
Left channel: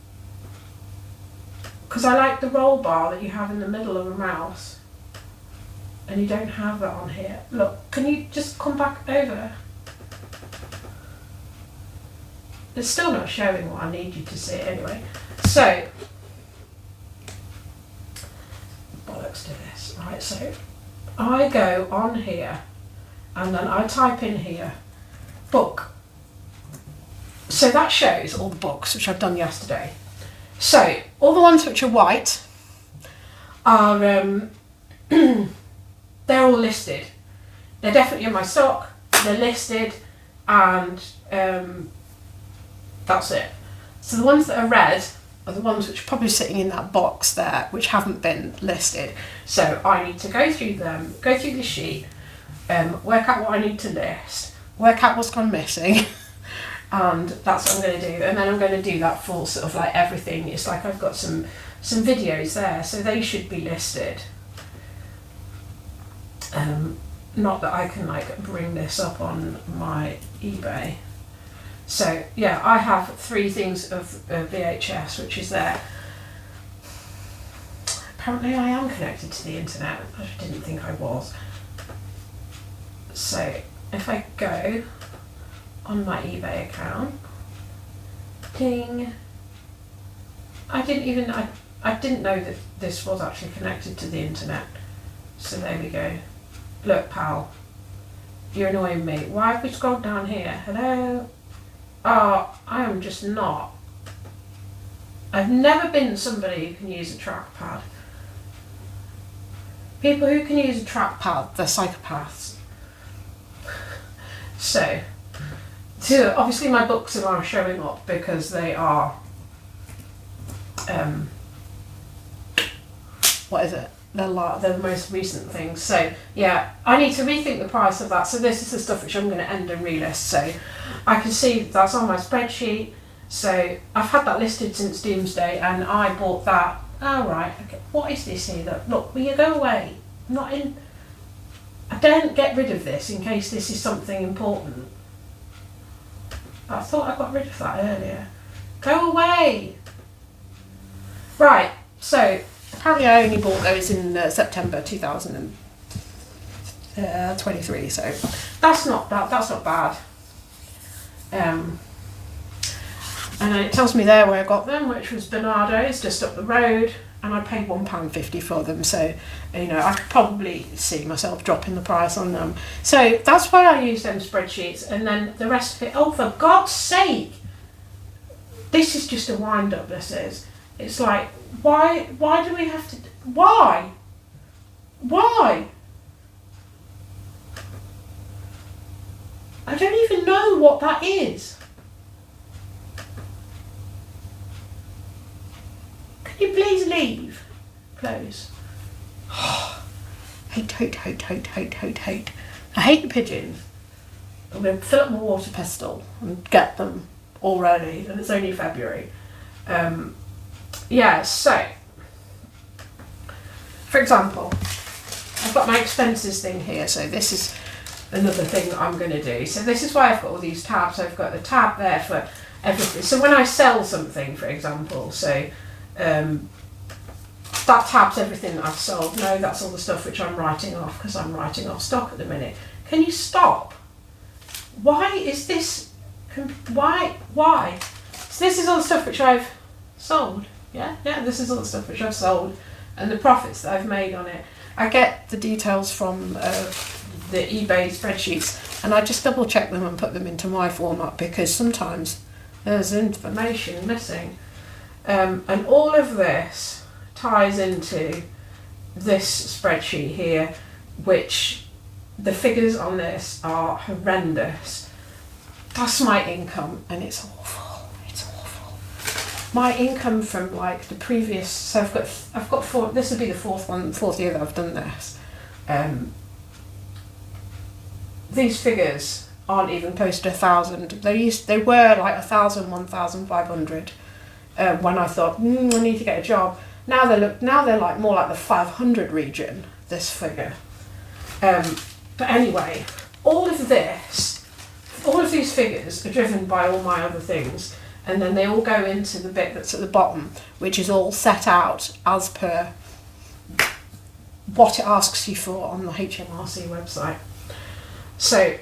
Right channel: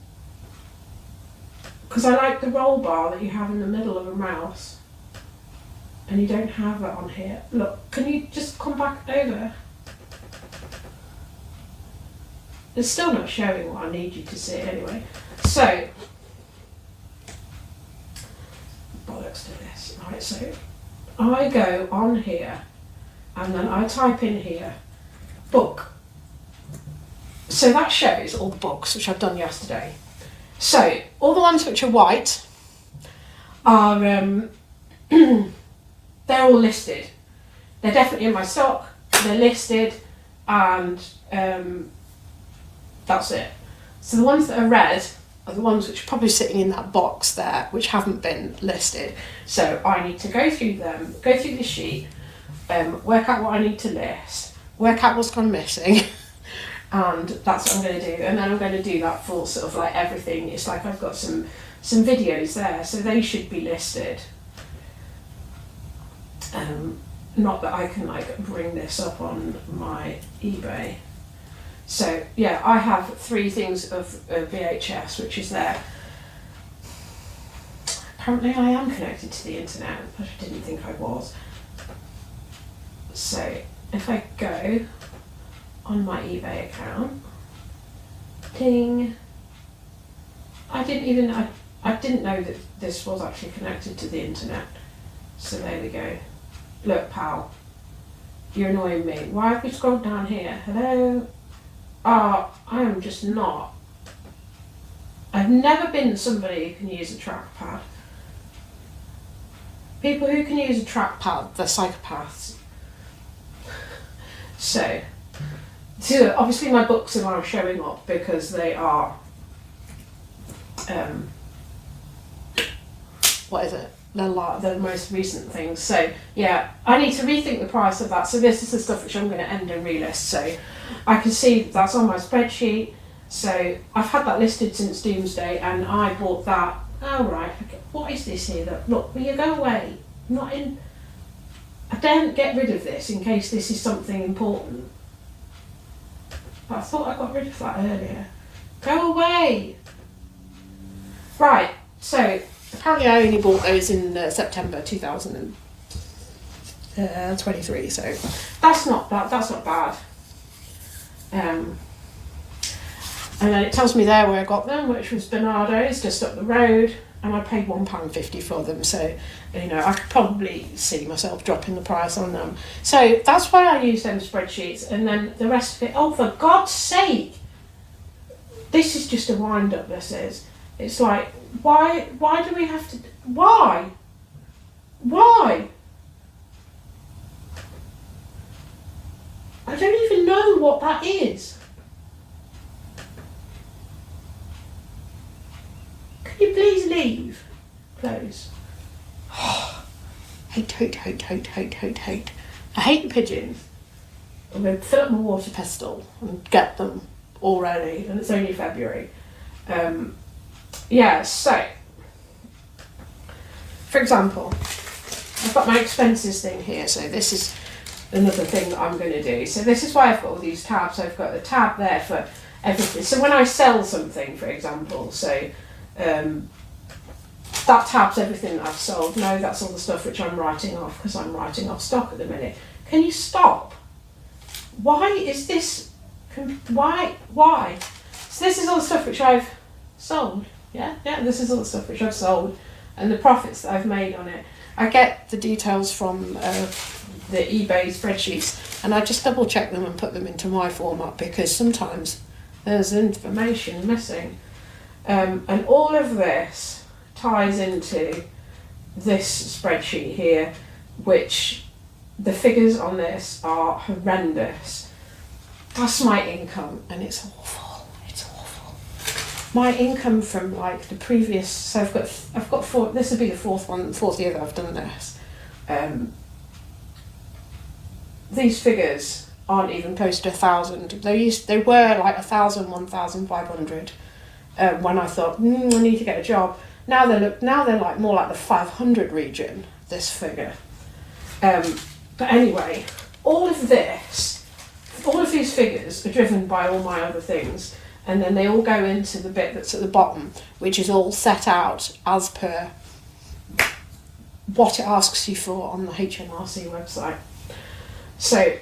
Because I like the roll bar that you have in the middle of a mouse. And you don't have that on here. Look, can you just come back over? It's still not showing what I need you to see anyway. So, bollocks to this. Right, so I go on here and then I type in here, book. So that shows all the books which I've done yesterday. So, all the ones which are white are, they're all listed. They're definitely in my stock, they're listed, and that's it. So the ones that are red are the ones which are probably sitting in that box there, which haven't been listed. So I need to go through them, go through the sheet, work out what I need to list, work out what's gone missing, and that's what I'm going to do. And then I'm going to do that for sort of like everything. It's like I've got some videos there, so they should be listed. Not that I can like bring this up on my eBay. So yeah, I have 3 things of VHS, which is there. Apparently I am connected to the internet. I didn't think I was. So if I go on my eBay account, ding. I didn't know that this was actually connected to the internet. So there we go. Look, pal, you're annoying me. Why have we scrolled down here? Hello? Oh, I am just not. I've never been somebody who can use a trackpad. People who can use a trackpad, they're psychopaths. So obviously my books are showing up because they are, what is it? They're the most recent things. So yeah, I need to rethink the price of that. So this is the stuff which I'm going to end and relist. So I can see that's on my spreadsheet. So I've had that listed since Doomsday, and I bought that. Oh right, okay. What is this here? That look, will you go away? I'm not in. I don't get rid of this in case this is something important. But I thought I got rid of that earlier. Go away. Right. So apparently I only bought those in September 2023. So that's not bad. And then it tells me there where I got them, which was Bernardo's, just up the road, and I paid £1.50 for them. So, you know, I could probably see myself dropping the price on them. So that's why I use them spreadsheets, and then the rest of it. Oh, for God's sake! This is just a wind up. This is. It's like, why do we have to? Why? I don't even know what that is. Can you please leave? Close. Hate. I hate the pigeons. I'm going to fill up my water pestle and get them already, and it's only February. Yeah, so, for example, I've got my expenses thing here, so this is another thing that I'm going to do. So this is why I've got all these tabs. I've got the tab there for everything. So when I sell something, for example, so that tabs everything that I've sold. No, that's all the stuff which I'm writing off, because I'm writing off stock at the minute. Can you stop? Why is this? Why? So this is all the stuff which I've sold. Yeah, this is all the stuff which I've sold and the profits that I've made on it. I get the details from the eBay spreadsheets, and I just double check them and put them into my format, because sometimes there's information missing. And all of this ties into this spreadsheet here, which the figures on this are horrendous. That's my income, and it's awful. My income from like the previous, so I've got 4. This will be the fourth year that I've done this. These figures aren't even close to 1,000. They were like 1,000, 1,500 when I thought I need to get a job. Now they're like more like the 500 region. This figure. But anyway, all of these figures are driven by all my other things. And then they all go into the bit that's at the bottom, which is all set out as per what it asks you for on the HMRC website. So,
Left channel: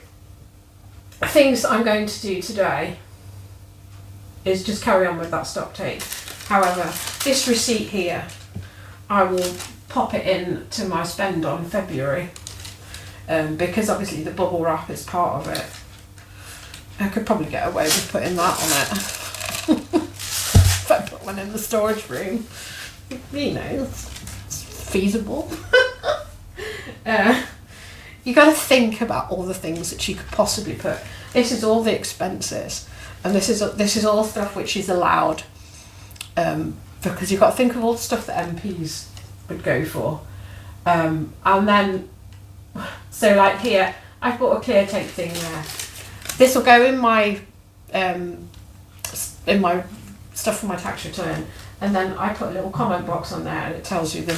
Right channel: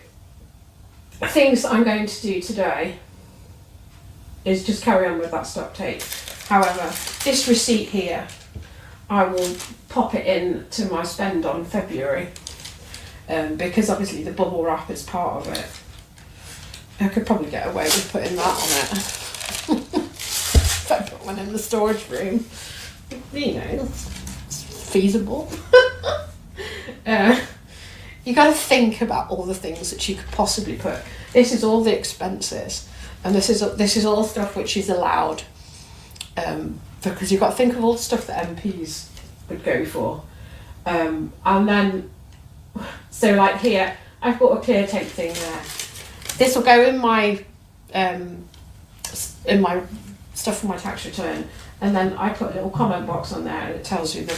things that I'm going to do today is just carry on with that stock take. However, this receipt here, I will pop it in to my spend on February, because obviously the bubble wrap is part of it. I could probably get away with putting that on it. If I put one in the storage room, you know, it's feasible. You got to think about all the things that you could possibly put. This is all the expenses, and this is all stuff which is allowed, because you've got to think of all the stuff that MPs would go for, and then so like here I've got a clear take thing there. This will go in my stuff for my tax return, and then I put a little comment box on there, and it tells you the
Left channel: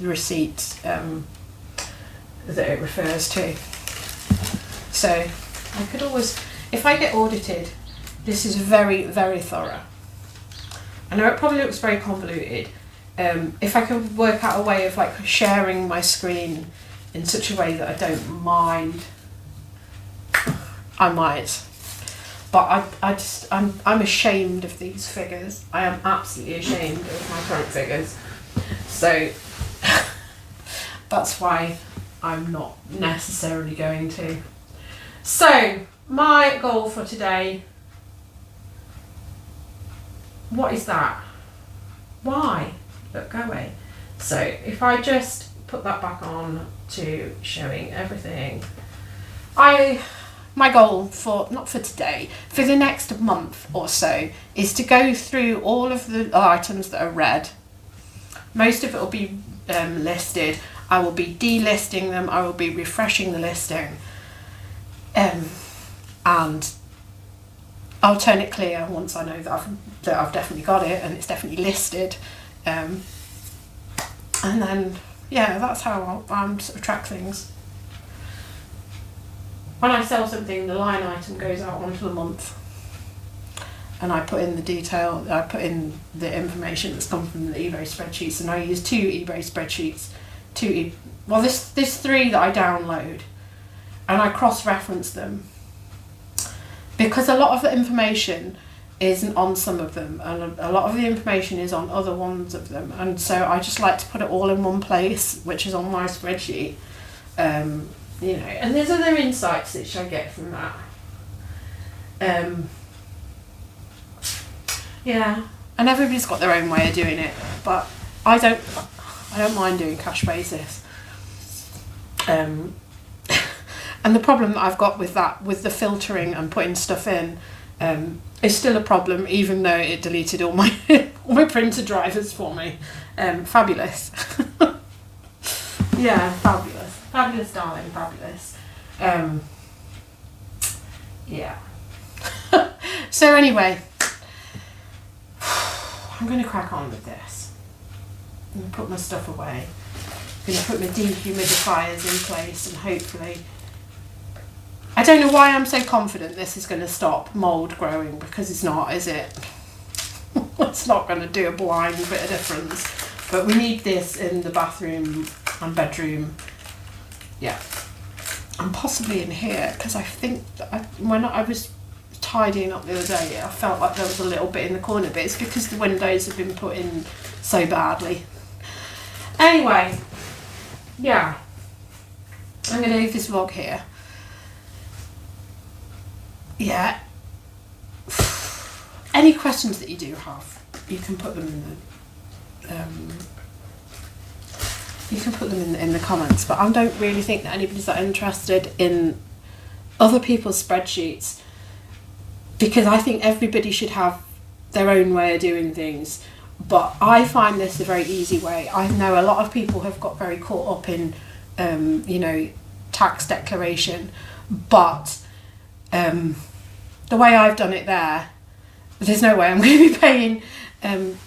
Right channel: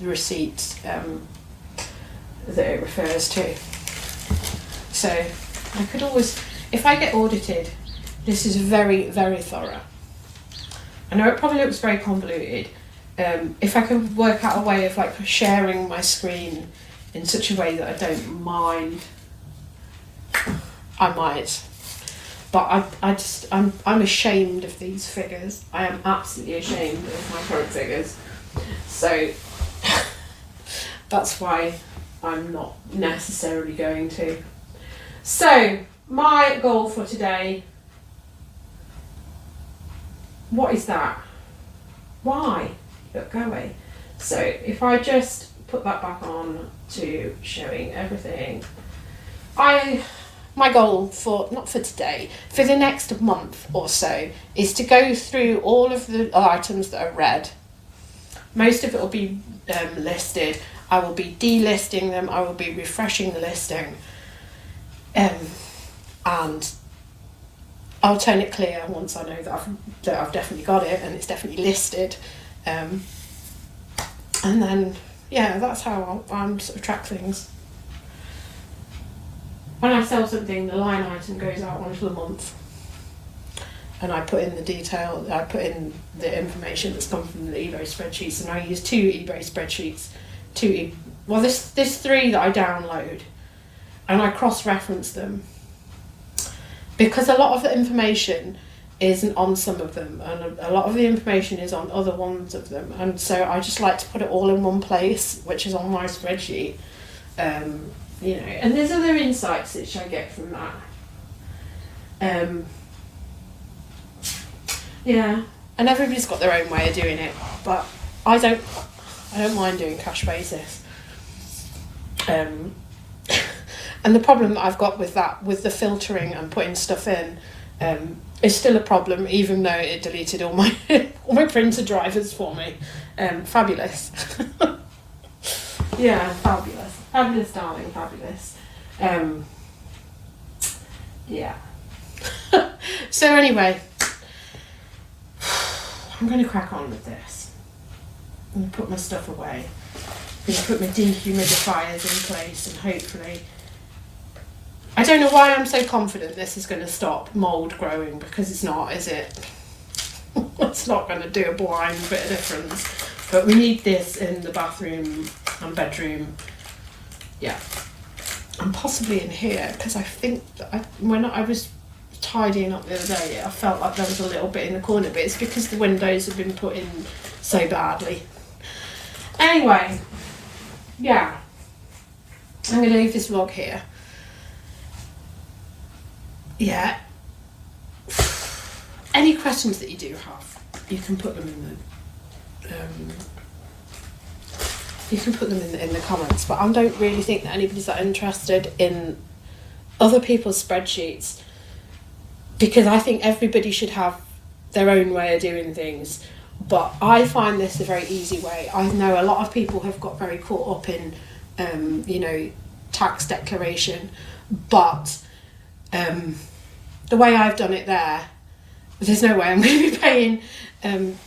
receipt that it refers to. So I could always, if I get audited, This is very, very thorough. I know it probably looks very convoluted. If I could work out a way of like sharing my screen in such a way that I don't mind, I might. But I'm ashamed of these figures. I am absolutely ashamed of my current figures. So that's why I'm not necessarily going to. So my goal for today, what is that? Why? Look, go away. So if I just put that back on to showing everything, my goal for, not for today, for the next month or so, is to go through all of the items that are red. Most of it will be listed. I will be delisting them. I will be refreshing the listing. And I'll turn it clear once I know that I've definitely got it and it's definitely listed. And then, yeah, that's how I'm sort of track things. When I sell something, the line item goes out onto the month, and I put in the detail, I put in the information that's come from the eBay spreadsheets, and I use 2 eBay spreadsheets, there's 3 that I download, and I cross-reference them, because a lot of the information isn't on some of them, and a lot of the information is on other ones of them, and so I just like to put it all in one place, which is on my spreadsheet. You know, and there's other insights which I get from that. Yeah, and everybody's got their own way of doing it, but I don't mind doing cash basis. And the problem that I've got with that, with the filtering and putting stuff in, is still a problem, even though it deleted all my all my printer drivers for me. Fabulous. Yeah, fabulous. Fabulous, darling, fabulous. Yeah. So anyway, I'm going to crack on with this. I'm going to put my stuff away. I'm going to put my dehumidifiers in place, and hopefully, I don't know why I'm so confident this is going to stop mould growing, because it's not, is it? It's not going to do a blind bit of difference. But we need this in the bathroom and bedroom. Yeah. And possibly in here, because I think that when I was tidying up the other day, I felt like there was a little bit in the corner, but it's because the windows have been put in so badly. Anyway, yeah. I'm going to leave this vlog here. Yeah. Any questions that you do have, you can put them in the in the comments, but I don't really think that anybody's that interested in other people's spreadsheets, because I think everybody should have their own way of doing things. But I find this a very easy way. I know a lot of people have got very caught up in you know, tax declaration, but the way I've done it there's no way I'm going to be paying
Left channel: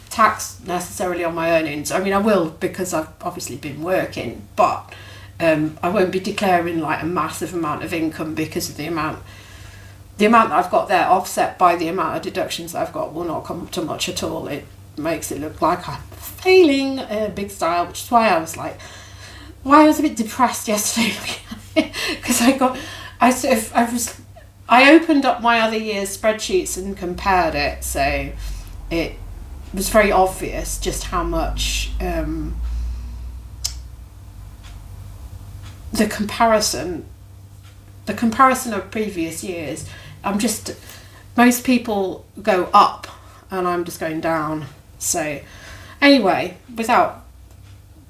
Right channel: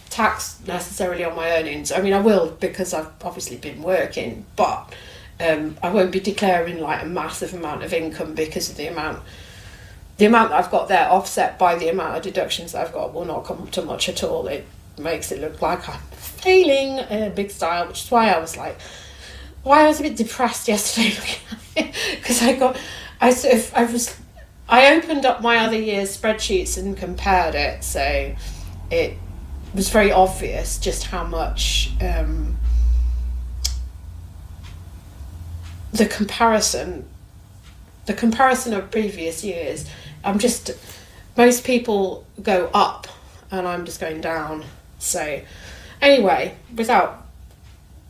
tax necessarily on my earnings. I mean, I will, because I've obviously been working, but I won't be declaring like a massive amount of income, because of the amount that I've got there, offset by the amount of deductions that I've got, will not come to much at all. It makes it look like I'm failing big style, which is why I was a bit depressed yesterday, because I opened up my other year's spreadsheets and compared it, so it was very obvious just how much the comparison of previous years, most people go up and I'm just going down. So anyway, without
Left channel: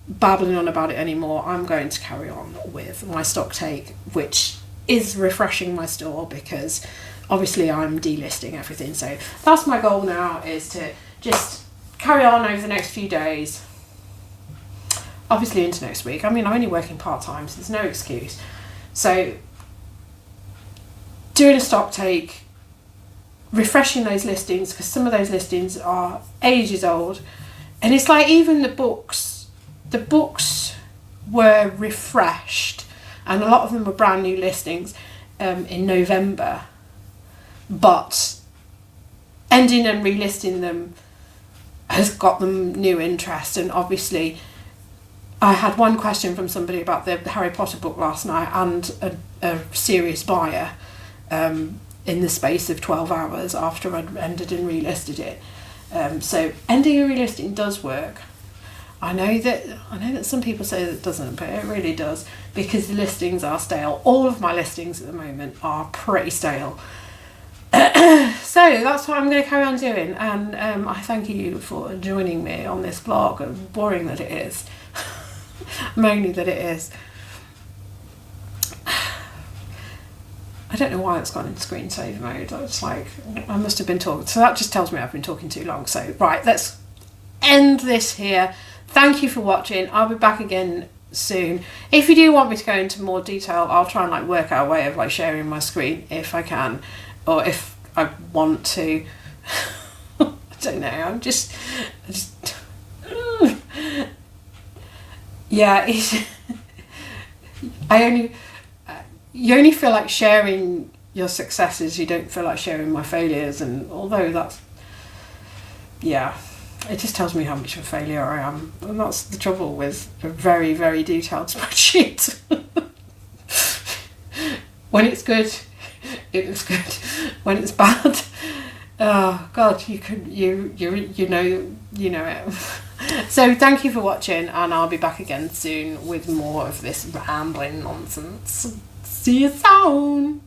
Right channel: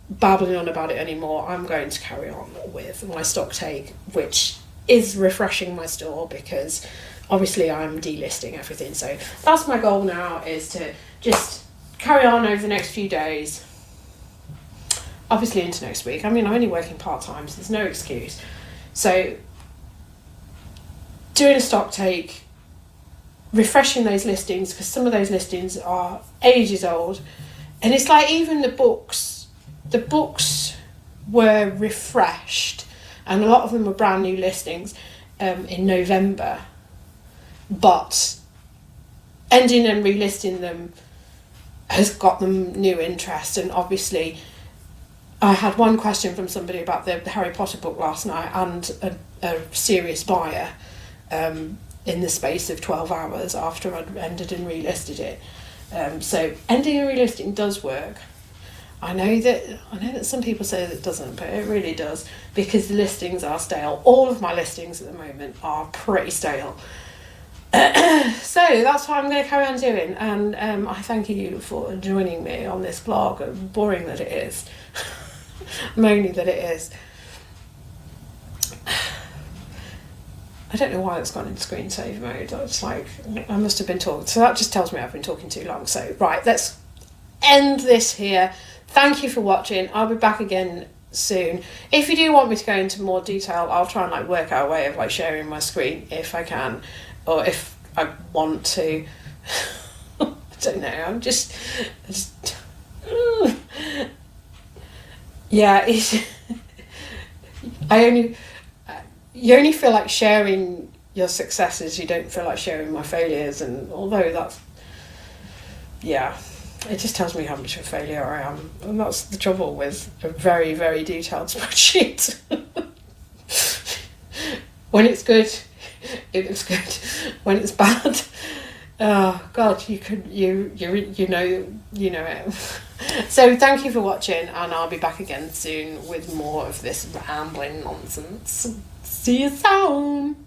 babbling on about it anymore, I'm going to carry on with my stock take, which is refreshing my store, because obviously I'm delisting everything. So that's my goal now, is to just carry on over the next few days, obviously into next week. I mean, I'm only working part-time, so there's no excuse. So doing a stock take, refreshing those listings, because some of those listings are ages old, and it's like even the books were refreshed, and a lot of them were brand new listings in November, but ending and relisting them has got them new interest. And obviously I had one question from somebody about the Harry Potter book last night, and a serious buyer in the space of 12 hours after I'd ended and relisted it. So ending and relisting does work. I know that some people say that it doesn't, but it really does, because the listings are stale. All of my listings at the moment are pretty stale. So that's what I'm going to carry on doing, and I thank you for joining me on this vlog, boring that it is. Mainly that it is. I don't know why it's gone into screensaver mode. It's like, I must have been talking. So that just tells me I've been talking too long. So, right, let's end this here. Thank you for watching. I'll be back again soon. If you do want me to go into more detail, I'll try and like work out a way of like sharing my screen if I can, or if I want to. I don't know. I'm just yeah. You only feel like sharing your successes. You don't feel like sharing my failures, and although that's, yeah, it just tells me how much of a failure I am, and that's the trouble with a very, very detailed spreadsheet. When it's good, it looks good. When it's bad, oh God, you know it. So thank you for watching, and I'll be back again soon with more of this rambling nonsense. See you soon.